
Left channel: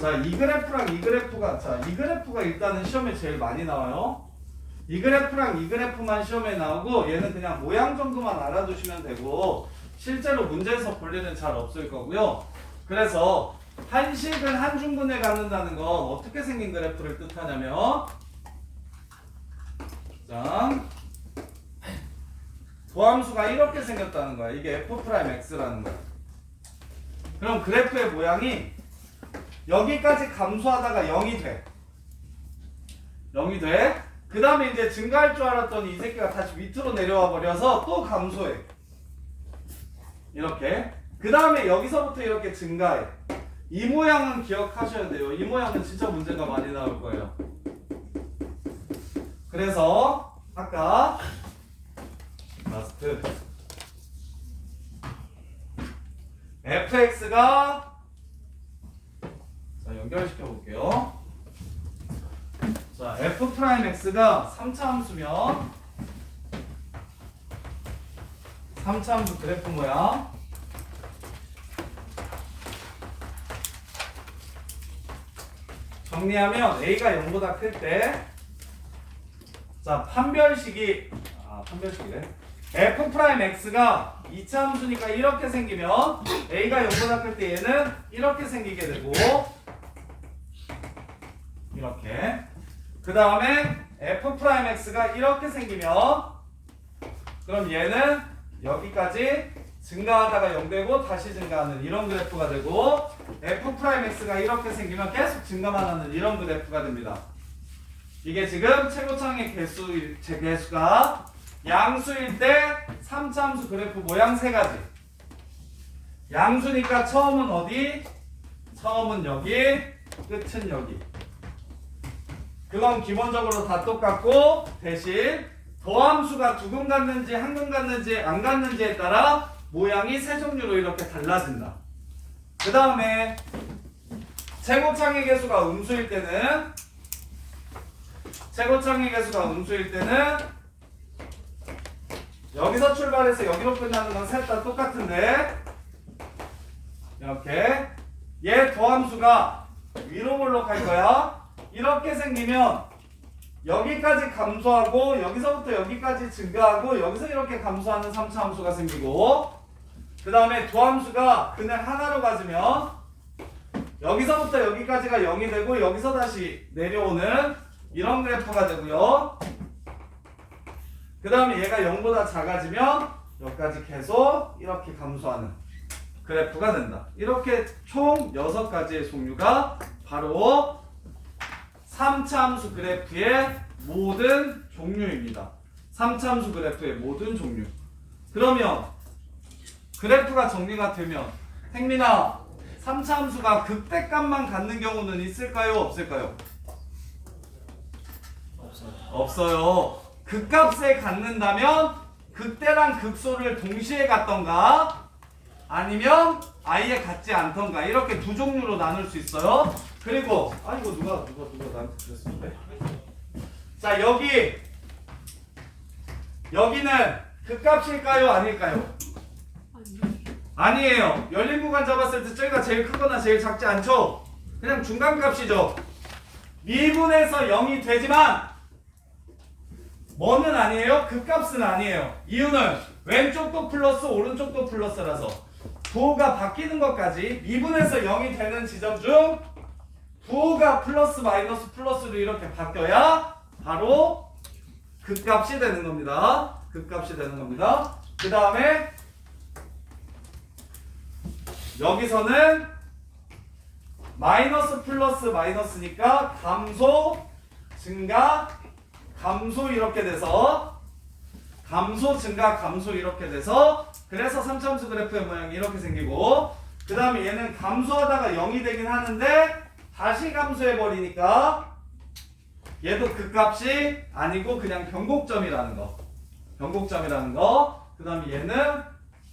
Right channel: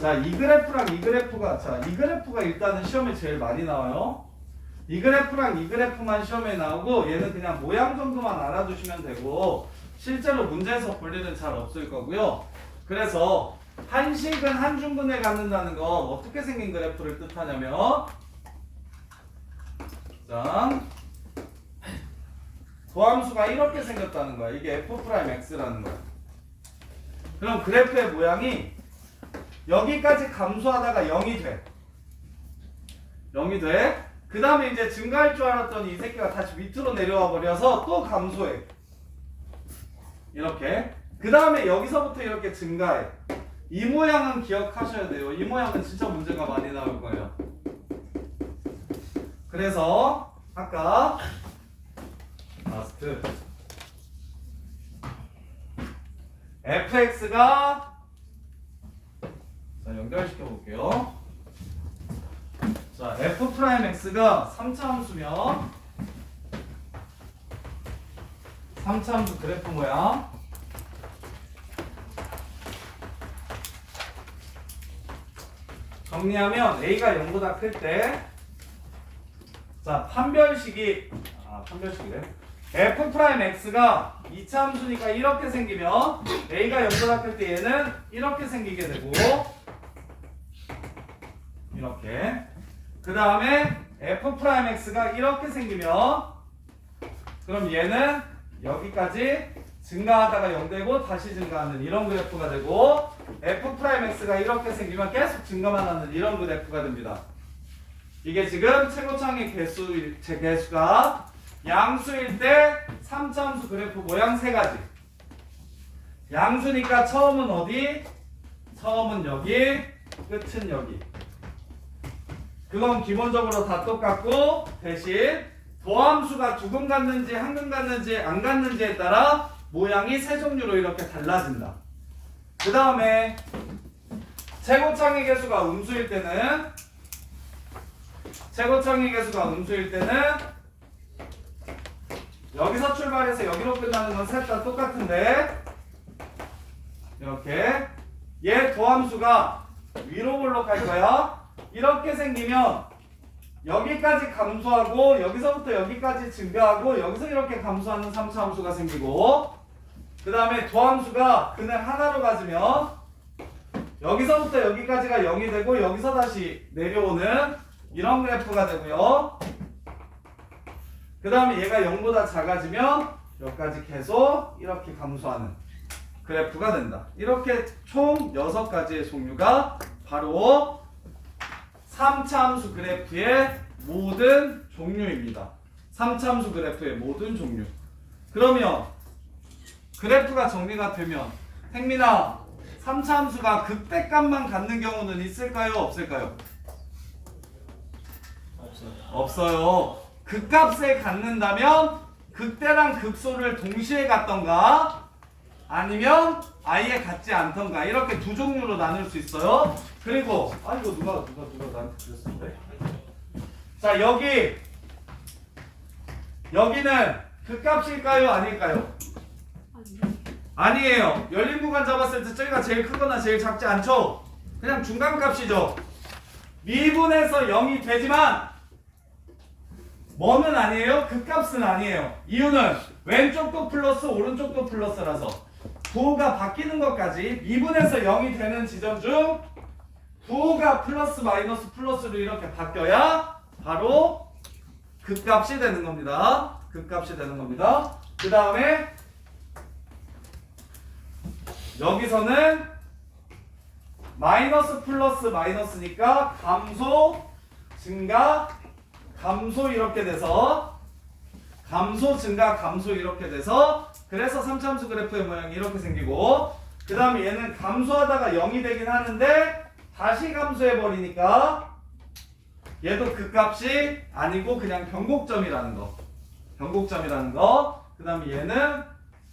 자, 이 그래프랑 이 그래프가 이 그래프가 일단은 시험에 제일 많이 나와요. 이 그래프랑 이 그래프만 시험에 나오고 얘는 그냥 모양 정도만 알아두시면 되고 실제로 문제에서 볼 일은 잘 없을 거고요. 그래서 한실근 한 중근에 갖는다는 건 어떻게 생긴 그래프를 뜻하냐면 자, 도함수가 이렇게 생겼다는 거야. 이게 f'x라는 거야. 그럼 그래프의 모양이 여기까지 감소하다가 0이 돼. 0이 돼. 그 다음에 이제 증가할 줄 알았더니 이 새끼가 다시 밑으로 내려와 버려서 또 감소해. 이렇게. 그 다음에 여기서부터 이렇게 증가해. 이 모양은 기억하셔야 돼요. 이 모양은 진짜 문제가 많이 나올 거예요. 그래서 아까 라스트 fx가 자, 연결시켜 볼게요. 자, f'x가 3차 함수면 3차 함수 그래프 모양 정리하면 a가 0보다 클 때 자, 판별식이래. f'x가 2차 함수니까 이렇게 생기면 a가 0보다 클 때 얘는 이렇게 생기게 되고 이렇게. 그 다음에 f'x가 이렇게 생기면 그럼 얘는 여기까지 증가하다가 0 되고 다시 증가하는 이런 그래프가 되고 f'x가 이렇게 생기면 계속 증가만 하는 이런 그래프가 됩니다. 이게 지금 최고창의 개수가 양수일 때 3차 함수 그래프 모양 세 가지. 양수니까 처음은 어디? 처음은 여기, 끝은 여기. 그건 기본적으로 다 똑같고 대신 도함수가 두 근 갖는지 한 근 갖는지 안 갖는지에 따라 모양이 세 종류로 이렇게 달라진다. 그 다음에 최고창의 개수가 음수일 때는 여기서 출발해서 여기로 끝나는 건 셋 다 똑같은데 이렇게 얘 도함수가 위로 볼록할 거야. 이렇게 생기면 여기까지 감소하고 여기서부터 여기까지 증가하고 여기서 이렇게 감소하는 3차 함수가 생기고 그 다음에 도함수가 근을 하나로 가지면 여기서부터 여기까지가 0이 되고 여기서 다시 내려오는 이런 그래프가 되고요. 그 다음에 얘가 0보다 작아지면 여기까지 계속 이렇게 감소하는 그래프가 된다. 이렇게 총 6가지의 종류가 바로 3차 함수 그래프의 모든 종류입니다. 3차 함수 그래프의 모든 종류. 그러면 그래프가 정리가 되면 행민아 3차 함수가 극대값만 갖는 경우는 있을까요? 없을까요? 없어요. 극값에 갖는다면 극대랑 극소를 동시에 갖던가 아니면 아예 갖지 않던가 이렇게 두 종류로 나눌 수 있어요. 그리고 이거 누가 나한테 그랬었는데. 자, 여기는 극값일까요? 아닐까요? 아니에요. 열린 구간 잡았을 때 저기가 제일 크거나 제일 작지 않죠? 그냥 중간값이죠. 미분에서 0이 되지만 뭐는 아니에요? 극값은 아니에요. 이유는 왼쪽도 플러스 오른쪽도 플러스라서 부호가 바뀌는 것까지 미분에서 0이 되는 지점 중 부호가 플러스 마이너스 플러스로 이렇게 바뀌어야 바로 극값이 되는 겁니다. 극값이 되는 겁니다. 그 다음에 여기서는 마이너스 플러스 마이너스니까 감소 증가 감소 이렇게 돼서 감소 증가 감소 이렇게 돼서 그래서 3차함수 그래프의 모양이 이렇게 생기고 그 다음에 얘는 감소하다가 0이 되긴 하는데 다시 감소해 버리니까 얘도 극값이 아니고 그냥 변곡점이라는 거. 변곡점이라는 거. 그 다음에 얘는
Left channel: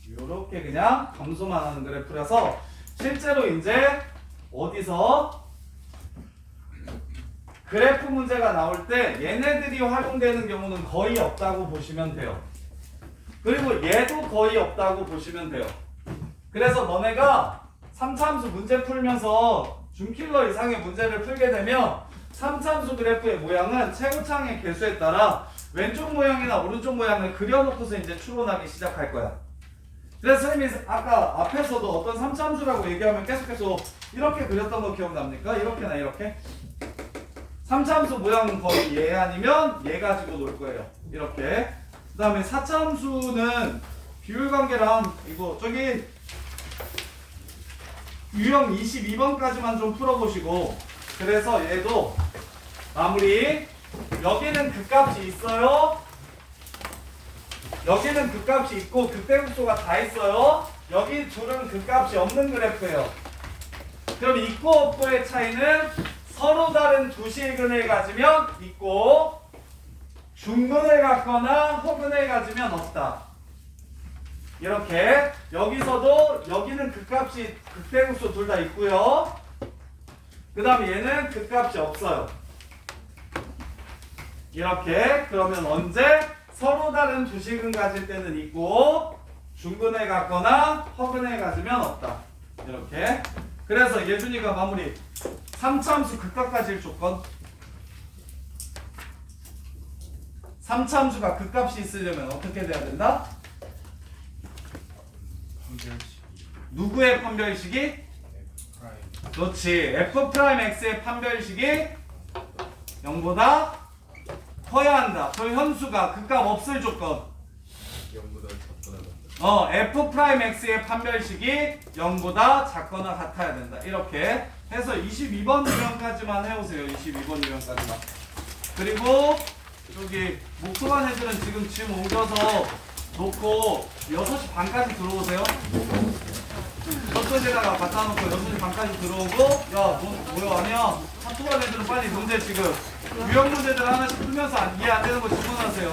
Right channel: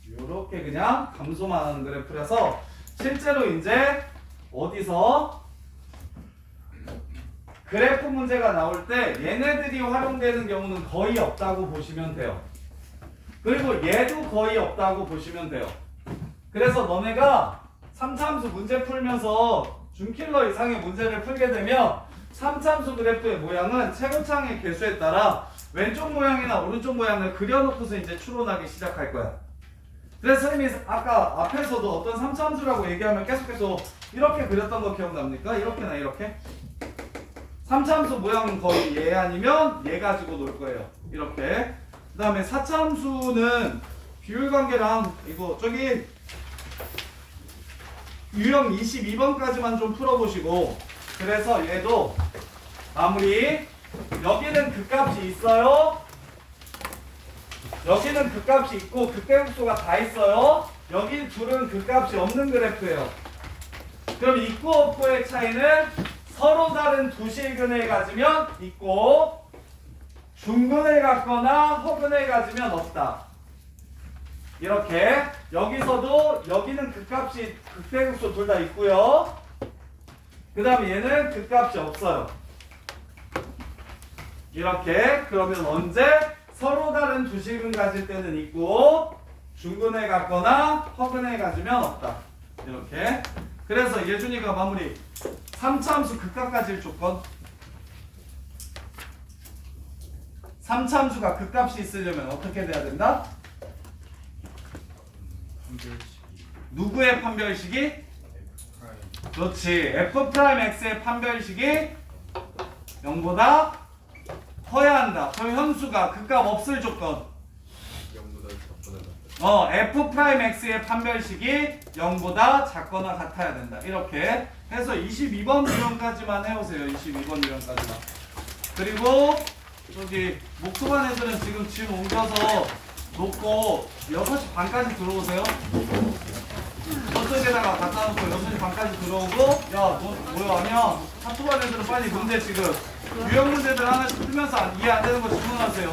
이렇게 그냥 감소만 하는 그래프라서 실제로 이제 어디서 그래프 문제가 나올 때 얘네들이 활용되는 경우는 거의 없다고 보시면 돼요. 그리고 얘도 거의 없다고 보시면 돼요. 그래서 너네가 3차함수 문제 풀면서 준킬러 이상의 문제를 풀게 되면 3차함수 그래프의 모양은 최고창의 개수에 따라 왼쪽 모양이나 오른쪽 모양을 그려놓고서 이제 추론하기 시작할 거야. 그래서 선생님이 아까 앞에서도 어떤 3차함수라고 얘기하면 계속해서 이렇게 그렸던 거 기억납니까? 이렇게나 이렇게? 3차함수 모양은 거의 얘 아니면 얘 가지고 놀 거예요. 이렇게. 그 다음에 4차함수는 비율관계랑 이거 저기 유형 22번까지만 좀 풀어보시고 그래서 얘도 마무리. 여기는 극값이 있어요. 여기는 극값이 있고 극대극소가 다 있어요. 여기 둘은 극값이 없는 그래프예요. 그럼 있고 없고의 차이는 서로 다른 두 실근을 가지면 있고 중근을 갖거나 허근을 가지면 없다. 이렇게 여기서도 여기는 극값이 극대극소 둘 다 있고요. 그 다음에 얘는 극값이 없어요. 이렇게 그러면 언제 서로 다른 두 실근 가질 때는 있고 중근을 갖거나 허근을 가지면 없다. 이렇게. 그래서 예준이가 마무리. 3차함수 극값 가질 조건. 3차함수가 극값이 있으려면 어떻게 돼야 된다? 누구의 판별식이? 그렇지. F'X의 판별식이 0보다 커야 한다. 저 현수가 극값 없을 조건. 0보다 작거나 F'X의 판별식이 0보다 작거나 같아야 된다. 이렇게 해서 22번 유형까지만 해오세요. 22번 유형까지만. 그리고 여기 목소한 애들은 지금 짐 옮겨서 놓고 6시 반까지 들어오세요. 저쪽에다가 갖다 놓고 6시 반까지 들어오고 야 너 뭐야 하면 사토반 애들은 빨리 문제 지금 유형 문제들 하나씩 풀면서 이해 안 되는 거 질문하세요.